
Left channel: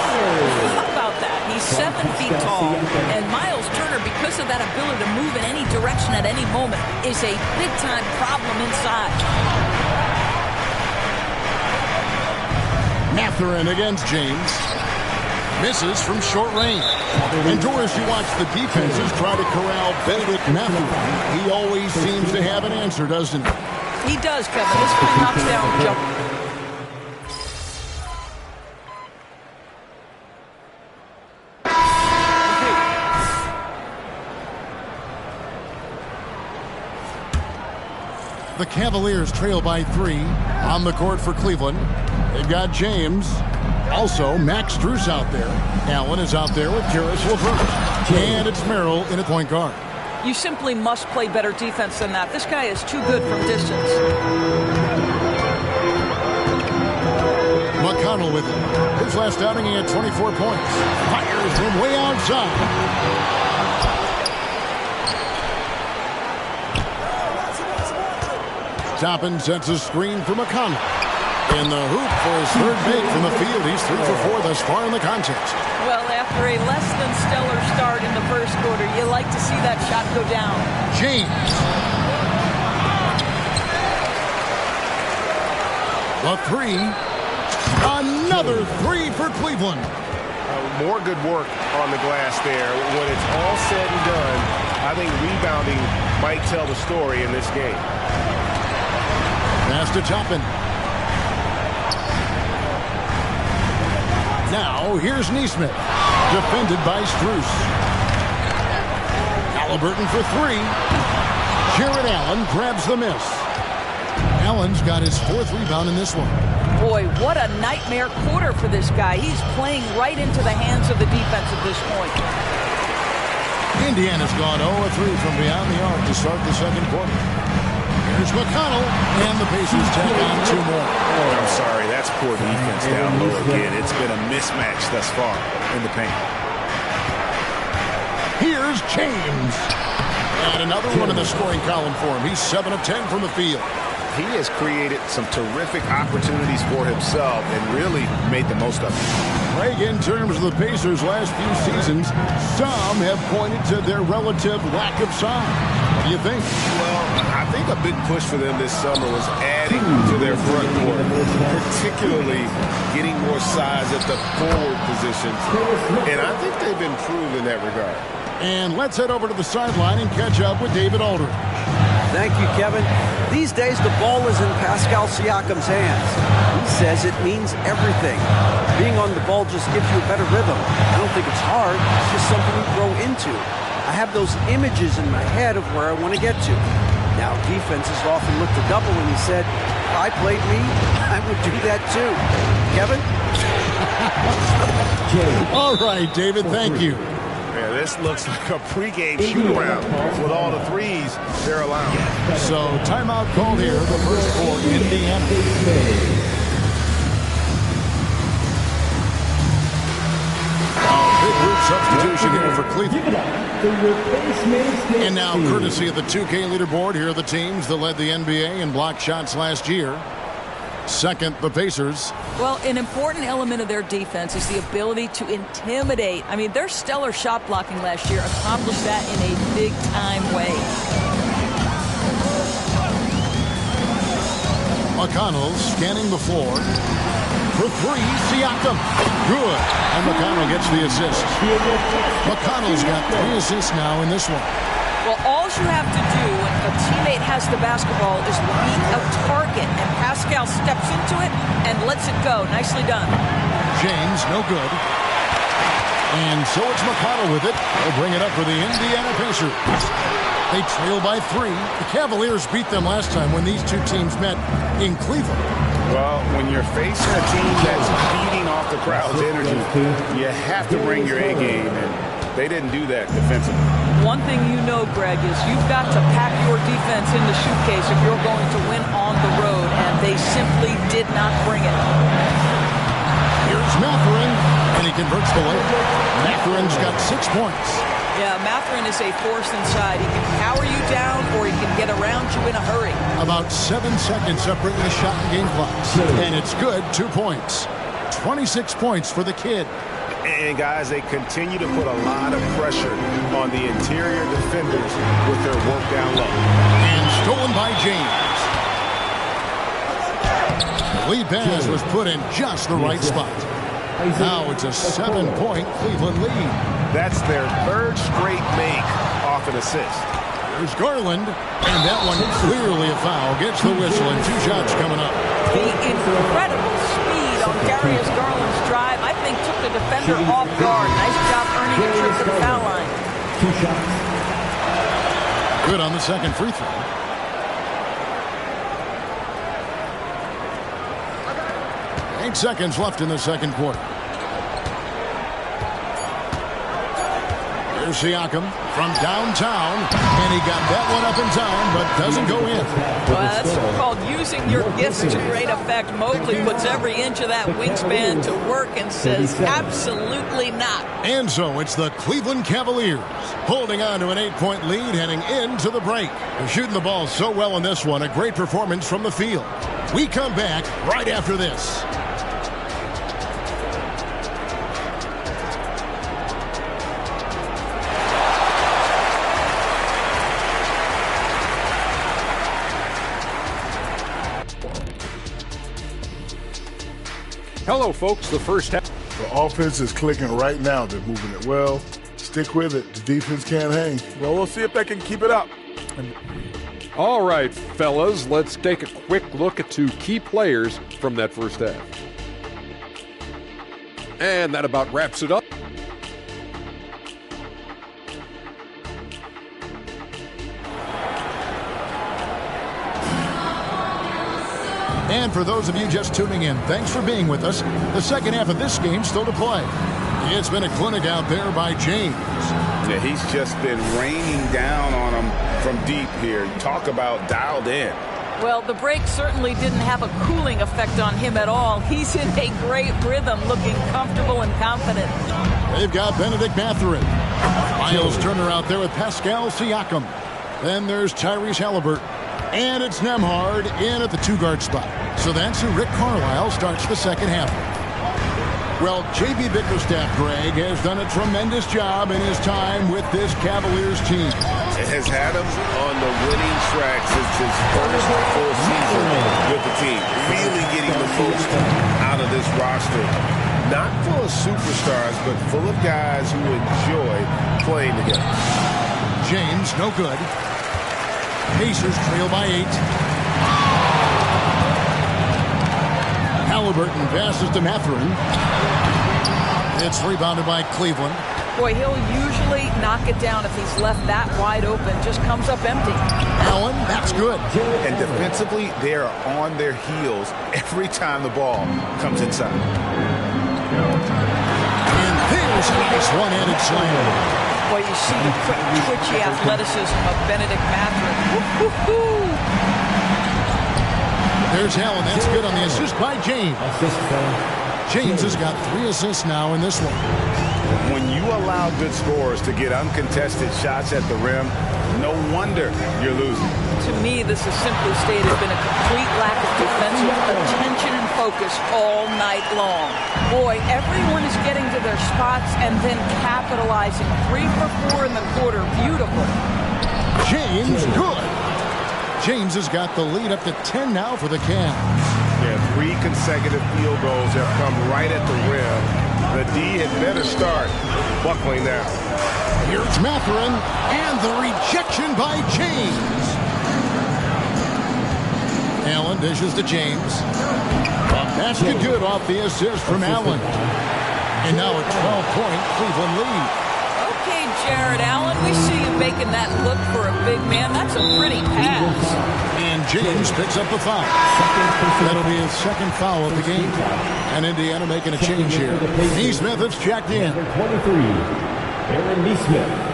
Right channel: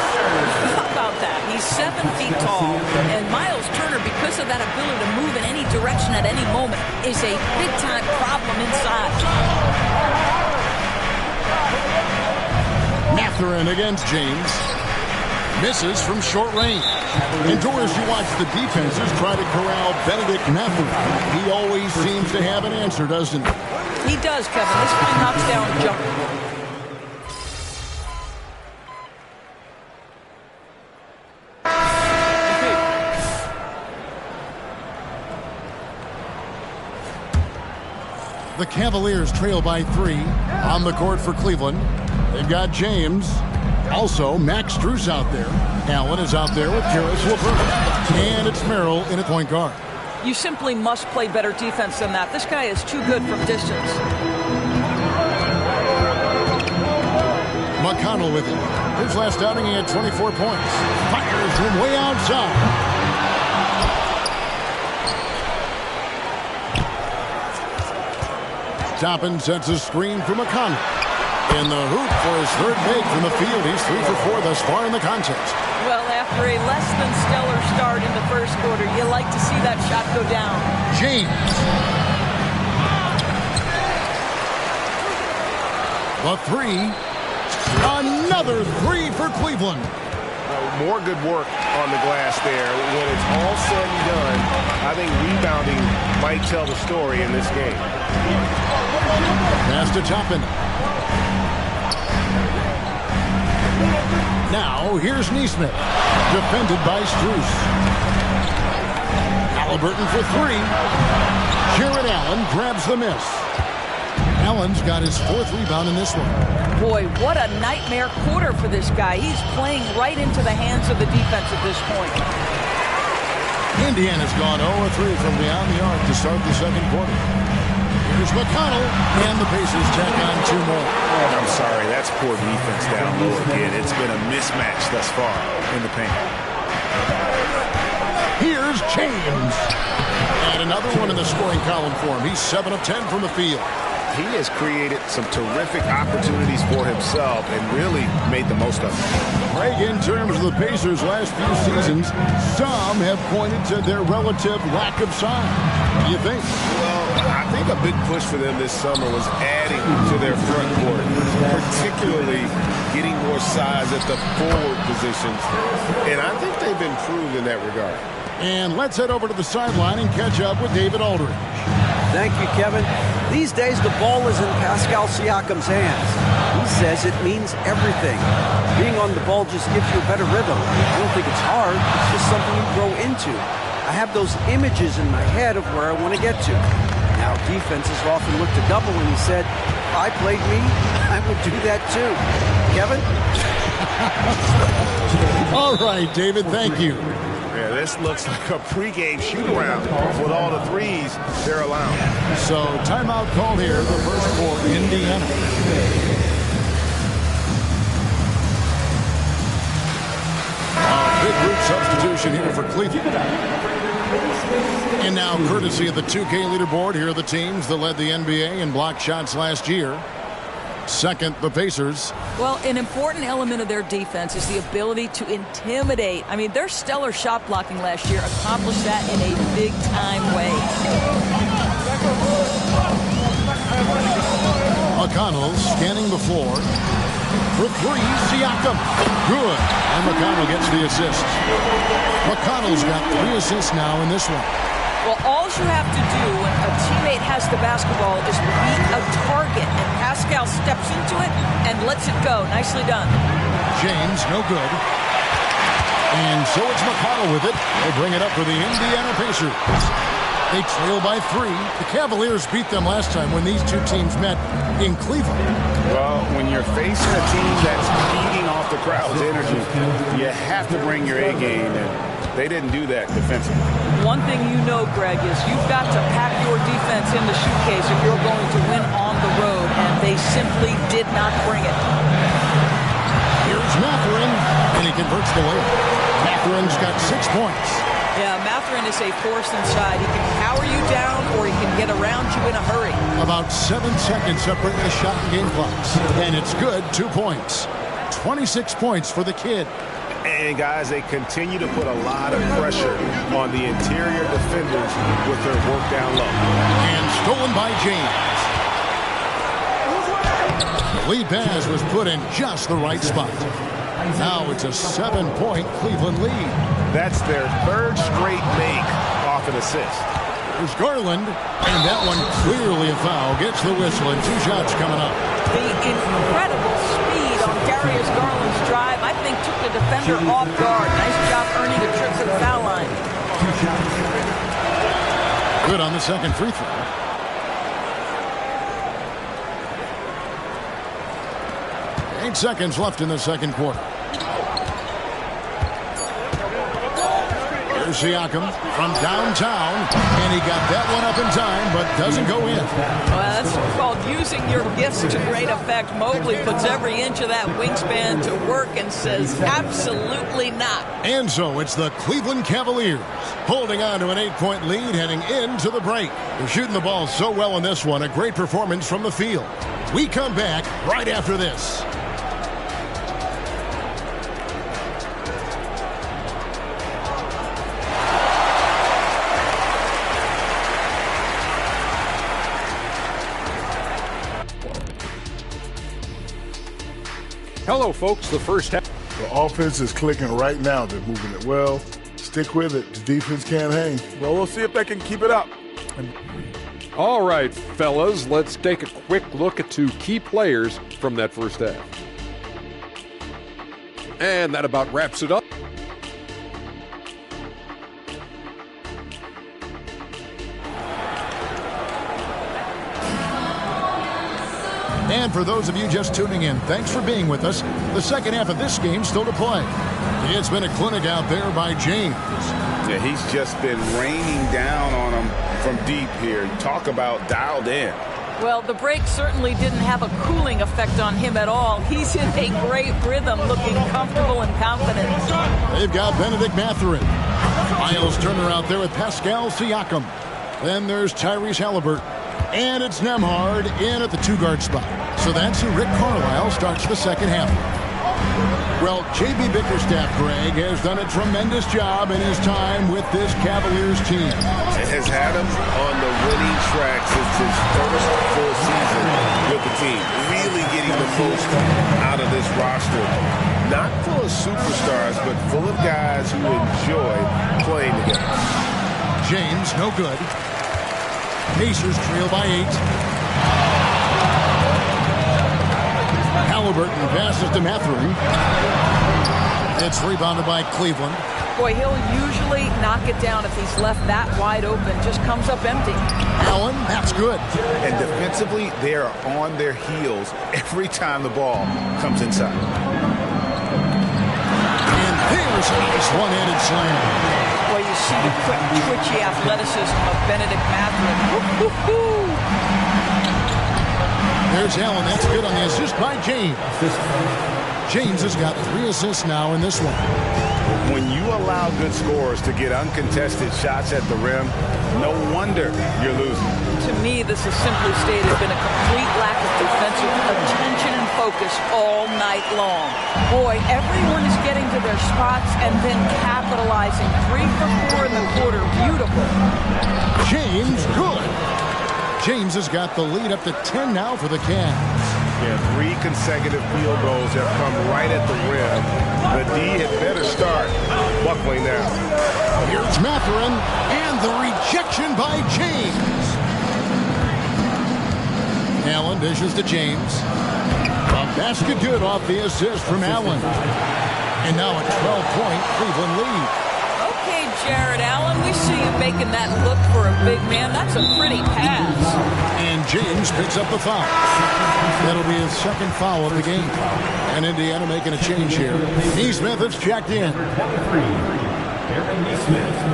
How about that? He's 7 feet tall, and Miles Turner, because of that ability to move in any direction at any moment, is a big-time problem inside. Mathurin against James. Misses from short range. And Doris, you watch the defenses try to corral Benedict Mathurin. He always seems to have an answer, doesn't he? He does, Kevin. This guy knocks down jump. The Cavaliers trail by 3 on the court for Cleveland. They've got James. Also, Max Strus out there. Allen is out there with Karis LeVert. And it's Merrill in at point guard. You simply must play better defense than that. This guy is too good from distance. McConnell with it. His last outing, he had 24 points. Fires from way outside. Toppin sets a screen for McConnell. In the hoop for his third make from the field. He's 3 for 4 thus far in the contest. Well, after a less than stellar start in the first quarter, you like to see that shot go down. James. The 3. Another 3 for Cleveland. More good work on the glass there. When it's all said and done, I think rebounding might tell the story in this game. Pass to Toppin. Now, here's Neesmith. Defended by Strus. Halliburton for 3. Jared Allen grabs the miss. Allen's got his 4th rebound in this one. Boy, what a nightmare quarter for this guy. He's playing right into the hands of the defense at this point. Indiana's gone 0-3 from beyond the arc to start the second quarter. Here's McConnell, and the Pacers tack on 2 more. I'm sorry, that's poor defense down low again. It's been a mismatch thus far in the paint. Here's James. And another one in the scoring column for him. He's 7 of 10 from the field. He has created some terrific opportunities for himself and really made the most of it. Greg, in terms of the Pacers' last few seasons, some have pointed to their relative lack of size. What do you think? Well, I think a big push for them this summer was adding to their front court, particularly getting more size at the forward positions. And I think they've improved in that regard. And let's head over to the sideline and catch up with David Aldridge. Thank you, Kevin. These days, the ball is in Pascal Siakam's hands. He says it means everything. Being on the ball just gives you a better rhythm. I don't think it's hard. It's just something you grow into. I have those images in my head of where I want to get to. Now, defenses often look to double, and he said, if I played me, I would do that too. Kevin? All right, David, thank you. Yeah, this looks like a pregame shoot-around with all the threes they're allowing. So, timeout called here, the first for Indiana. Big group substitution here for Cleveland. And now, courtesy of the 2K leaderboard, here are the teams that led the NBA in block shots last year. Second, the Pacers. Well, an important element of their defense is the ability to intimidate. I mean, their stellar shot blocking last year accomplished that in a big-time way. McConnell scanning the floor. For 3, Siakam. Good. And McConnell gets the assist. McConnell's got 3 assists now in this one. Well, all you have to do when a teammate has the basketball is beat a target, and Pascal steps into it and lets it go. Nicely done. James, no good. And so it's McConnell with it. They'll bring it up for the Indiana Pacers. They trail by 3. The Cavaliers beat them last time when these two teams met in Cleveland. Well, when you're facing a team that's feeding off the crowd's energy, you have to bring your A game, and they didn't do that defensively. One thing you know, Greg, is you've got to pack your defense in the suitcase if you're going to win on the road, and they simply did not bring it. Here's Mathurin, and he converts the layup. Mathurin's got 6 points. Yeah, Mathurin is a force inside. He can power you down, or he can get around you in a hurry. About 7 seconds separating the shot and game clocks. And it's good, 2 points. 26 points for the kid. And, guys, they continue to put a lot of pressure on the interior defenders with their work down low. And stolen by James. The lead pass was put in just the right spot. Now it's a 7-point Cleveland lead. That's their 3rd straight make off an assist. Here's Garland, and that one clearly a foul. Gets the whistle, and 2 shots coming up. The incredible speed on Darius Garland's drive, I think, took the defender off guard. Nice job earning a trip to the foul line. Good on the second free throw. Eight seconds left in the second quarter. Here's Siakam from downtown, and he got that one up in time, but doesn't go in. Well, that's called using your gifts to great effect. Mobley puts every inch of that wingspan to work and says absolutely not. And so it's the Cleveland Cavaliers holding on to an 8-point lead heading into the break. They're shooting the ball so well in this one, a great performance from the field. We come back right after this. Hello, folks. The first half. The offense is clicking right now. They're moving it well. Stick with it. The defense can't hang. Well, we'll see if they can keep it up. All right, fellas, let's take a quick look at 2 key players from that first half. And that about wraps it up. And for those of you just tuning in, thanks for being with us. The second half of this game still to play. It's been a clinic out there by James. Yeah, he's just been raining down on him from deep here. Talk about dialed in. Well, the break certainly didn't have a cooling effect on him at all. He's in a great rhythm, looking comfortable and confident. They've got Benedict Mathurin. Miles Turner out there with Pascal Siakam. Then there's Tyrese Halliburton. And it's Nembhard in at the 2-guard spot. So that's who Rick Carlisle starts the second half with. Well, J.B. Bickerstaff, Greg, has done a tremendous job in his time with this Cavaliers team. It has had him on the winning track since his first full season with the team. Really getting the most out of this roster. Not full of superstars, but full of guys who enjoy playing together. James, no good. Pacers trail by 8. Halliburton passes to Mathurin. It's rebounded by Cleveland. Boy, he'll usually knock it down if he's left that wide open. Just comes up empty. Allen, that's good. And defensively, they are on their heels every time the ball comes inside. And there's a nice one-handed slam. Boy, you see the quick, twitchy athleticism of Benedict Mathurin. Woo-hoo-hoo. There's Allen. That's good on the assist by James. James has got 3 assists now in this one. When you allow good scorers to get uncontested shots at the rim, no wonder you're losing. To me, this has simply stated been a complete lack of defensive attention and focus all night long. Boy, everyone is getting to their spots and then capitalizing. 3 for 4 in the quarter. Beautiful. James, good. James has got the lead up to 10 now for the Cavs. Yeah, 3 consecutive field goals have come right at the rim. The D had better start buckling now. Here's Mathurin, and the rejection by James. Allen dishes to James. A basket good off the assist from Allen. And now a 12-point Cleveland lead. Okay, Jared Allen, we see you making that look for a big man. That's a pretty pass. And James picks up the foul. That'll be his second foul of the game. And Indiana making a change here. Nesmith has checked in. 23, Aaron Nesmith.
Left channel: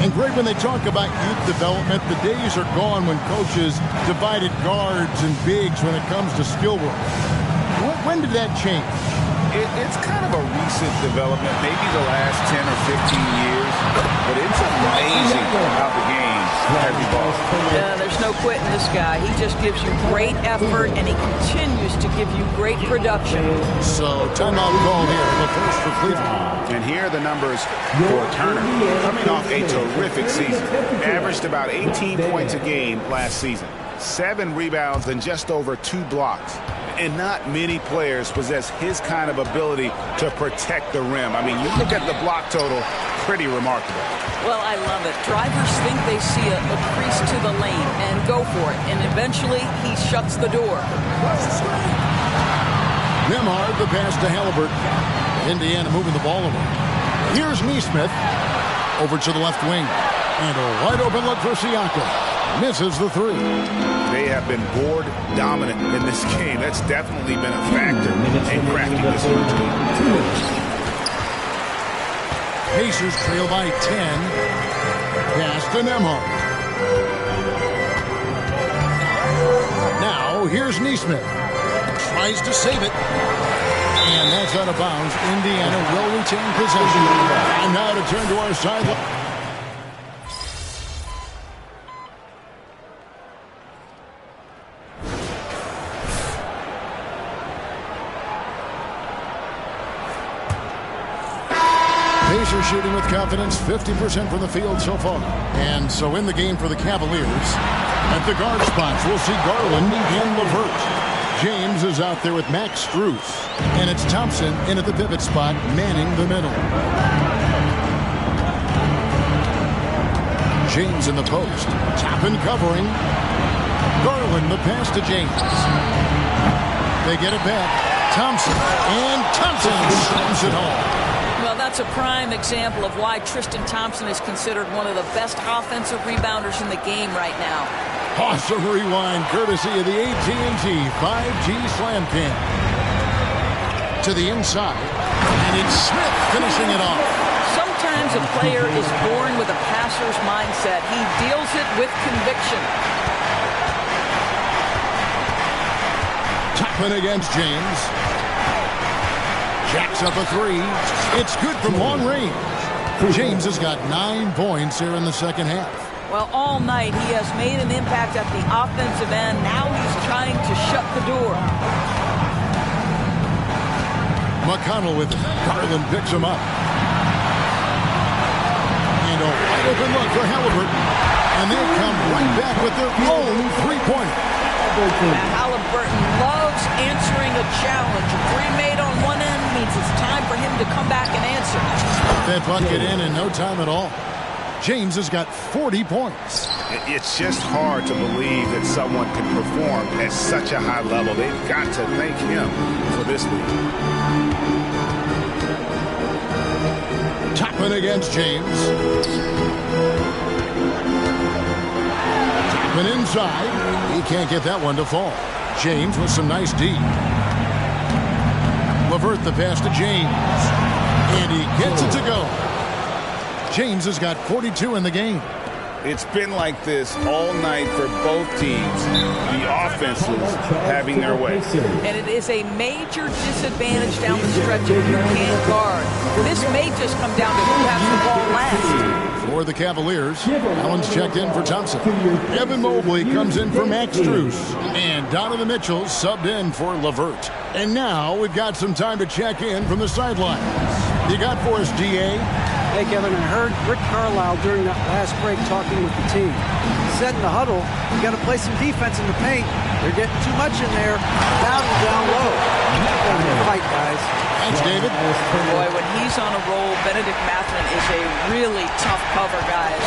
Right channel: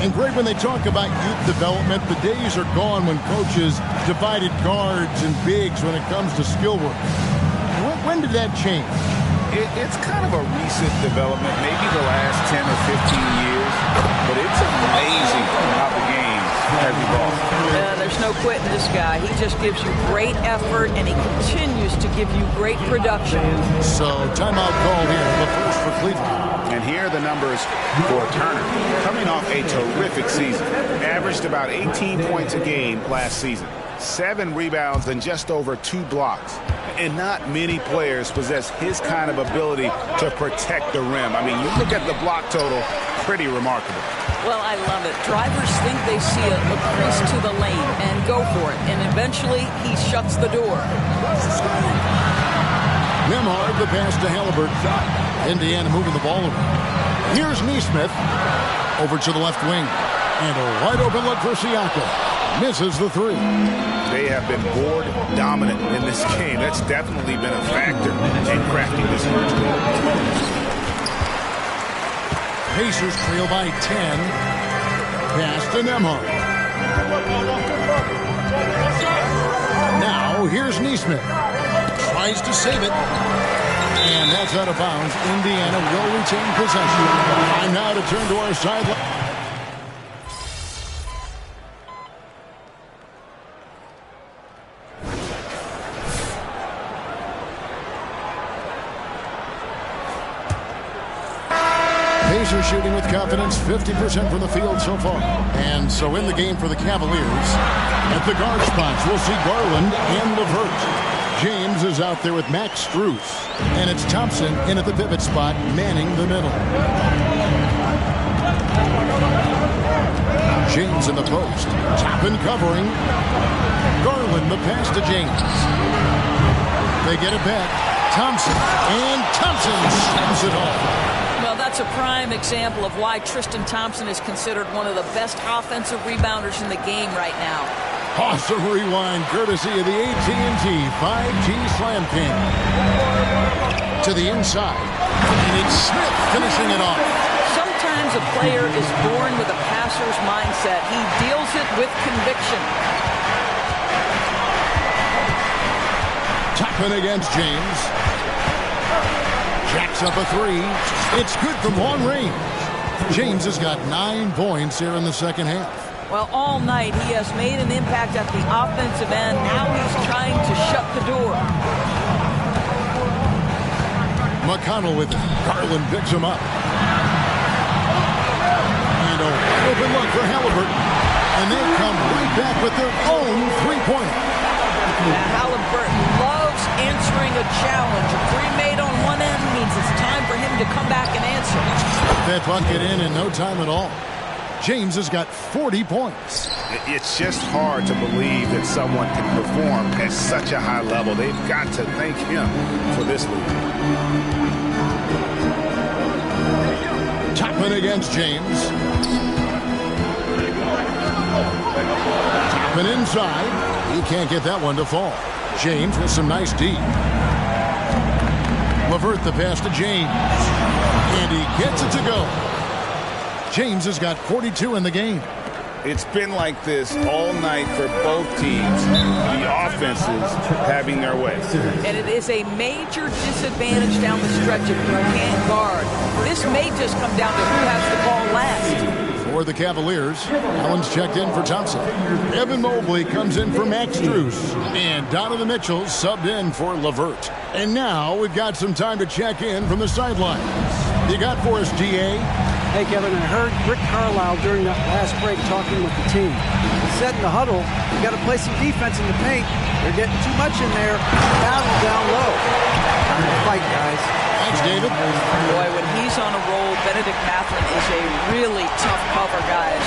And Greg, when they talk about youth development, the days are gone when coaches divided guards and bigs when it comes to skill work. When did that change? It's kind of a recent development, maybe the last 10 or 15 years, but it's amazing how the game has evolved. Yeah, there's no quitting this guy. He just gives you great effort, and he continues to give you great production. So timeout called here, the first for Cleveland. And here are the numbers for Turner, coming off a terrific season. Averaged about 18 points a game last season. 7 rebounds and just over 2 blocks. And not many players possess his kind of ability to protect the rim. I mean, you look at the block total, pretty remarkable. Well, I love it. Drivers think they see a crease to the lane and go for it. And eventually, he shuts the door. Nembhard, the pass to Halliburton. Indiana moving the ball around. Here's Nesmith. Over to the left wing. And a wide open look for Siakam. Misses the 3. They have been board dominant in this game. That's definitely been a factor in crafting this huge lead. Pacers trail by 10. Pass to Nembhard. Now here's Nesmith. Tries to save it. And that's out of bounds. Indiana will retain possession. Time now to turn to our sideline. Pacers shooting with confidence, 50% from the field so far. And so in the game for the Cavaliers, at the guard spots, we'll see Garland and LeVert. James is out there with Max Strus. And it's Thompson in at the pivot spot, manning the middle. James in the post. Toppin covering. Garland the pass to James. They get it back. Thompson. And Thompson slams it home. Well, that's a prime example of why Tristan Thompson is considered one of the best offensive rebounders in the game right now. Awesome rewind courtesy of the AT&T 5G Slam Cam. To the inside, and it's Smith finishing it off. Sometimes a player is born with a passer's mindset. He deals it with conviction. Toppin against James. Jacks up a 3. It's good from long range. James has got 9 points here in the second half. Well, all night he has made an impact at the offensive end. Now he's trying to shut the door. McConnell with it. Garland picks him up. And a wide open look for Halliburton. And they come right back with their own three-pointer. Now Halliburton loves answering a challenge. A three made on one end means it's time for him to come back and answer. That bucket in no time at all. James has got 40 points. It's just hard to believe that someone can perform at such a high level. They've got to thank him for this lead. Toppin against James. Toppin inside. He can't get that one to fall. James with some nice D. LeVert the pass to James. And he gets it to go. James has got 42 in the game. It's been like this all night for both teams. The offenses having their way. And it is a major disadvantage down the stretch if you can't guard. This may just come down to who has the ball last. For the Cavaliers, Allen's checked in for Thompson. Evan Mobley comes in for Max Strus. And Donovan Mitchell subbed in for LeVert. And now we've got some time to check in from the sidelines. You got for us, DA? Hey, Kevin, I heard Rick Carlisle during that last break talking with the team. He said in the huddle, you got to play some defense in the paint. They're getting too much in there. Battle down low. Time to fight, guys. Thanks, David. Boy, when he's on a roll, Benedict Mathurin is a really tough cover, guys.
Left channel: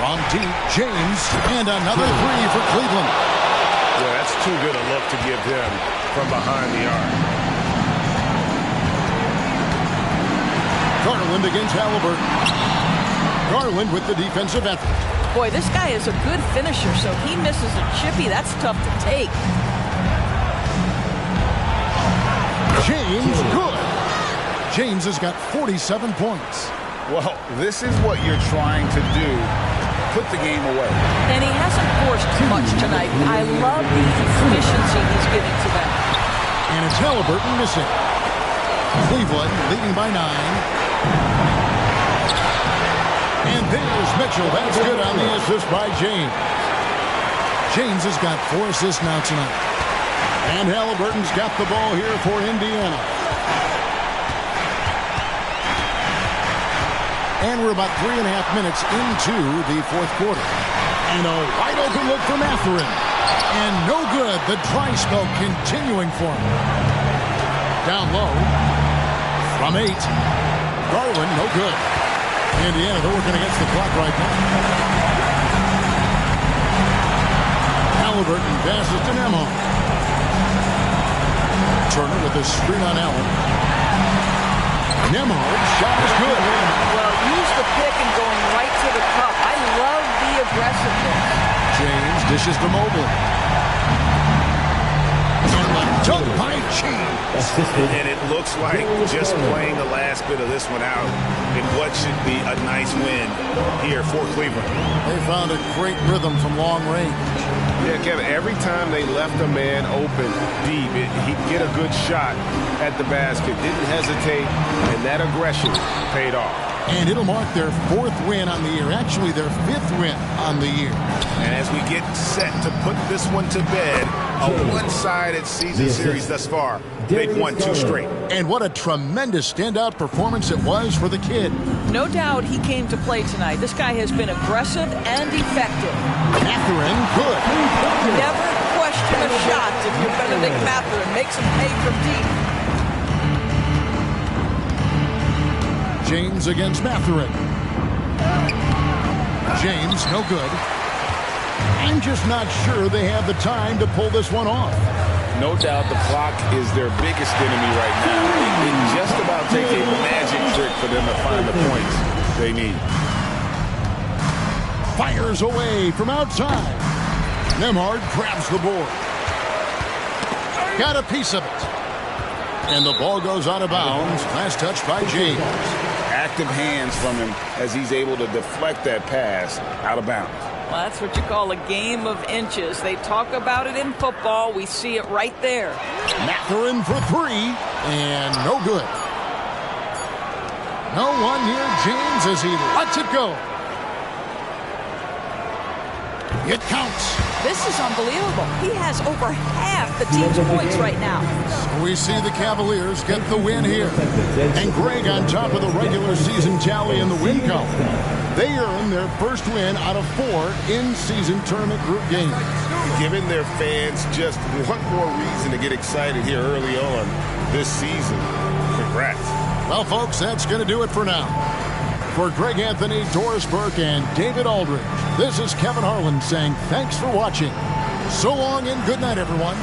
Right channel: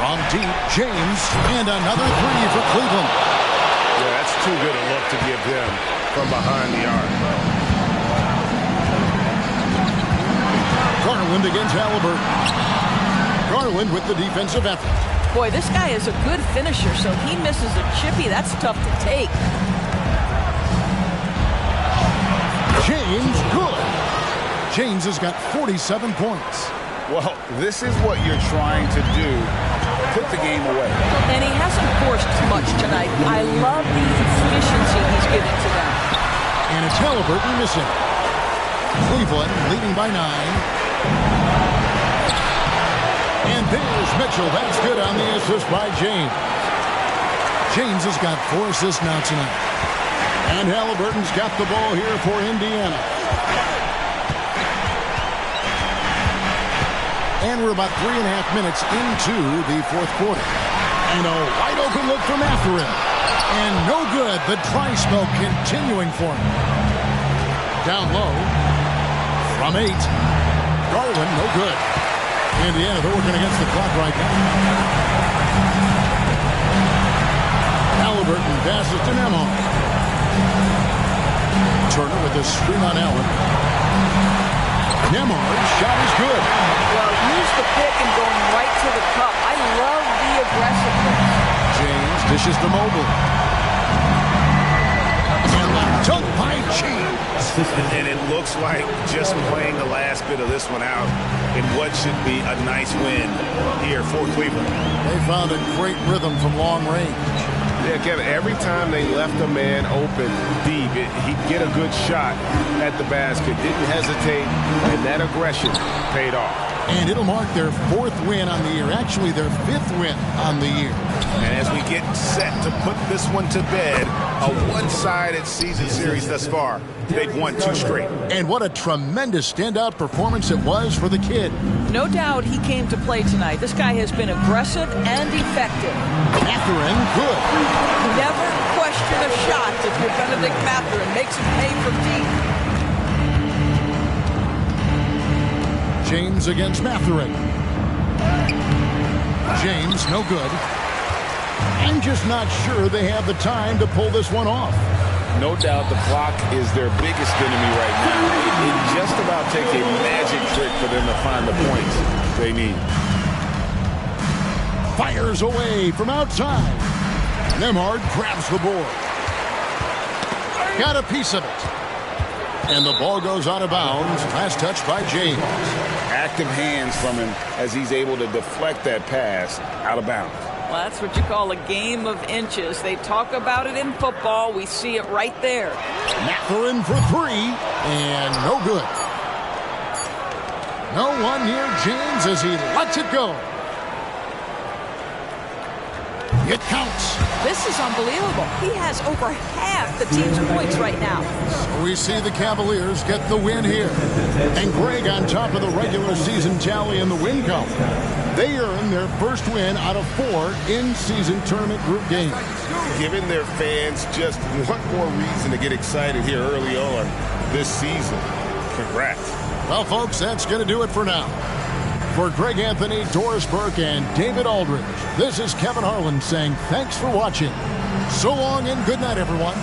From deep, James, and another three for Cleveland. Yeah, that's too good a look to give him from behind the arc. Garland against Halliburton. Garland with the defensive effort. Boy, this guy is a good finisher, so he misses a chippy. That's tough to take. James, good. James has got 47 points. Well, this is what you're trying to do. Put the game away. And he hasn't forced much tonight. I love the efficiency he's giving to them. And it's Halliburton missing. Cleveland leading by 9. And there's Mitchell. That's good on the assist by James. James has got 4 assists now tonight. And Halliburton's got the ball here for Indiana. And we're about 3.5 minutes into the fourth quarter. And a wide open look for Matherin. And no good. The dry spell continuing for him. Down low. From 8. Garland, no good. Indiana, they're working against the clock right now. Halliburton passes to Nembhard. Turner with a screen on Allen. Nembhard's shot is good. Well, use the pick and going right to the cup. I love the aggressiveness. James dishes to Mobley. And the dunk by James. And it looks like just playing the last bit of this one out in what should be a nice win here for Cleveland. They found a great rhythm from long range. Yeah, Kevin, every time they left a man open deep, he'd get a good shot at the basket. Didn't hesitate, and that aggression paid off. And it'll mark their 4th win on the year. Actually, their 5th win on the year. And as we get set to put this one to bed, a one-sided season series thus far, they've won 2 straight. And what a tremendous standout performance it was for the kid. No doubt he came to play tonight. This guy has been aggressive and effective. Matherin, good. Never question a shot if you're Benedict Matherin. Makes him pay from deep. James against Matherin. James, no good. I'm just not sure they have the time to pull this one off. No doubt the clock is their biggest enemy right now. It just about take a magic trick for them to find the points they need. Fires away from outside. Nembhard grabs the board. Got a piece of it. And the ball goes out of bounds. Last touch by James. Active hands from him as he's able to deflect that pass out of bounds. Well, that's what you call a game of inches. They talk about it in football. We see it right there. Matherin for 3, and no good. No one near James as he lets it go. It counts. This is unbelievable. He has over half the team's points right now. So we see the Cavaliers get the win here. And Greg on top of the regular season tally in the win column. They earn their first win out of 4 in-season tournament group games. Giving their fans just one more reason to get excited here early on this season. Congrats. Well, folks, that's going to do it for now. For Greg Anthony, Doris Burke, and David Aldridge, this is Kevin Harlan saying thanks for watching. So long and good night, everyone.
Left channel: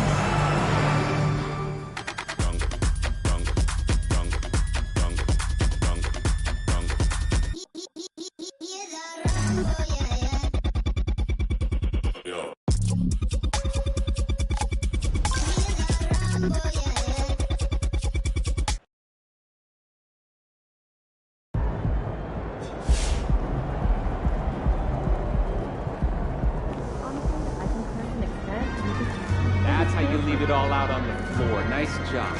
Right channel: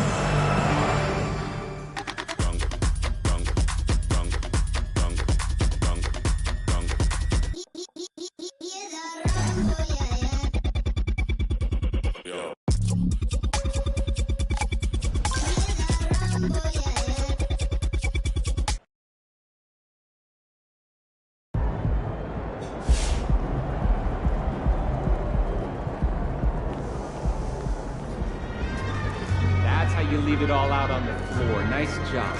That's how you leave it all out on the floor. Nice job.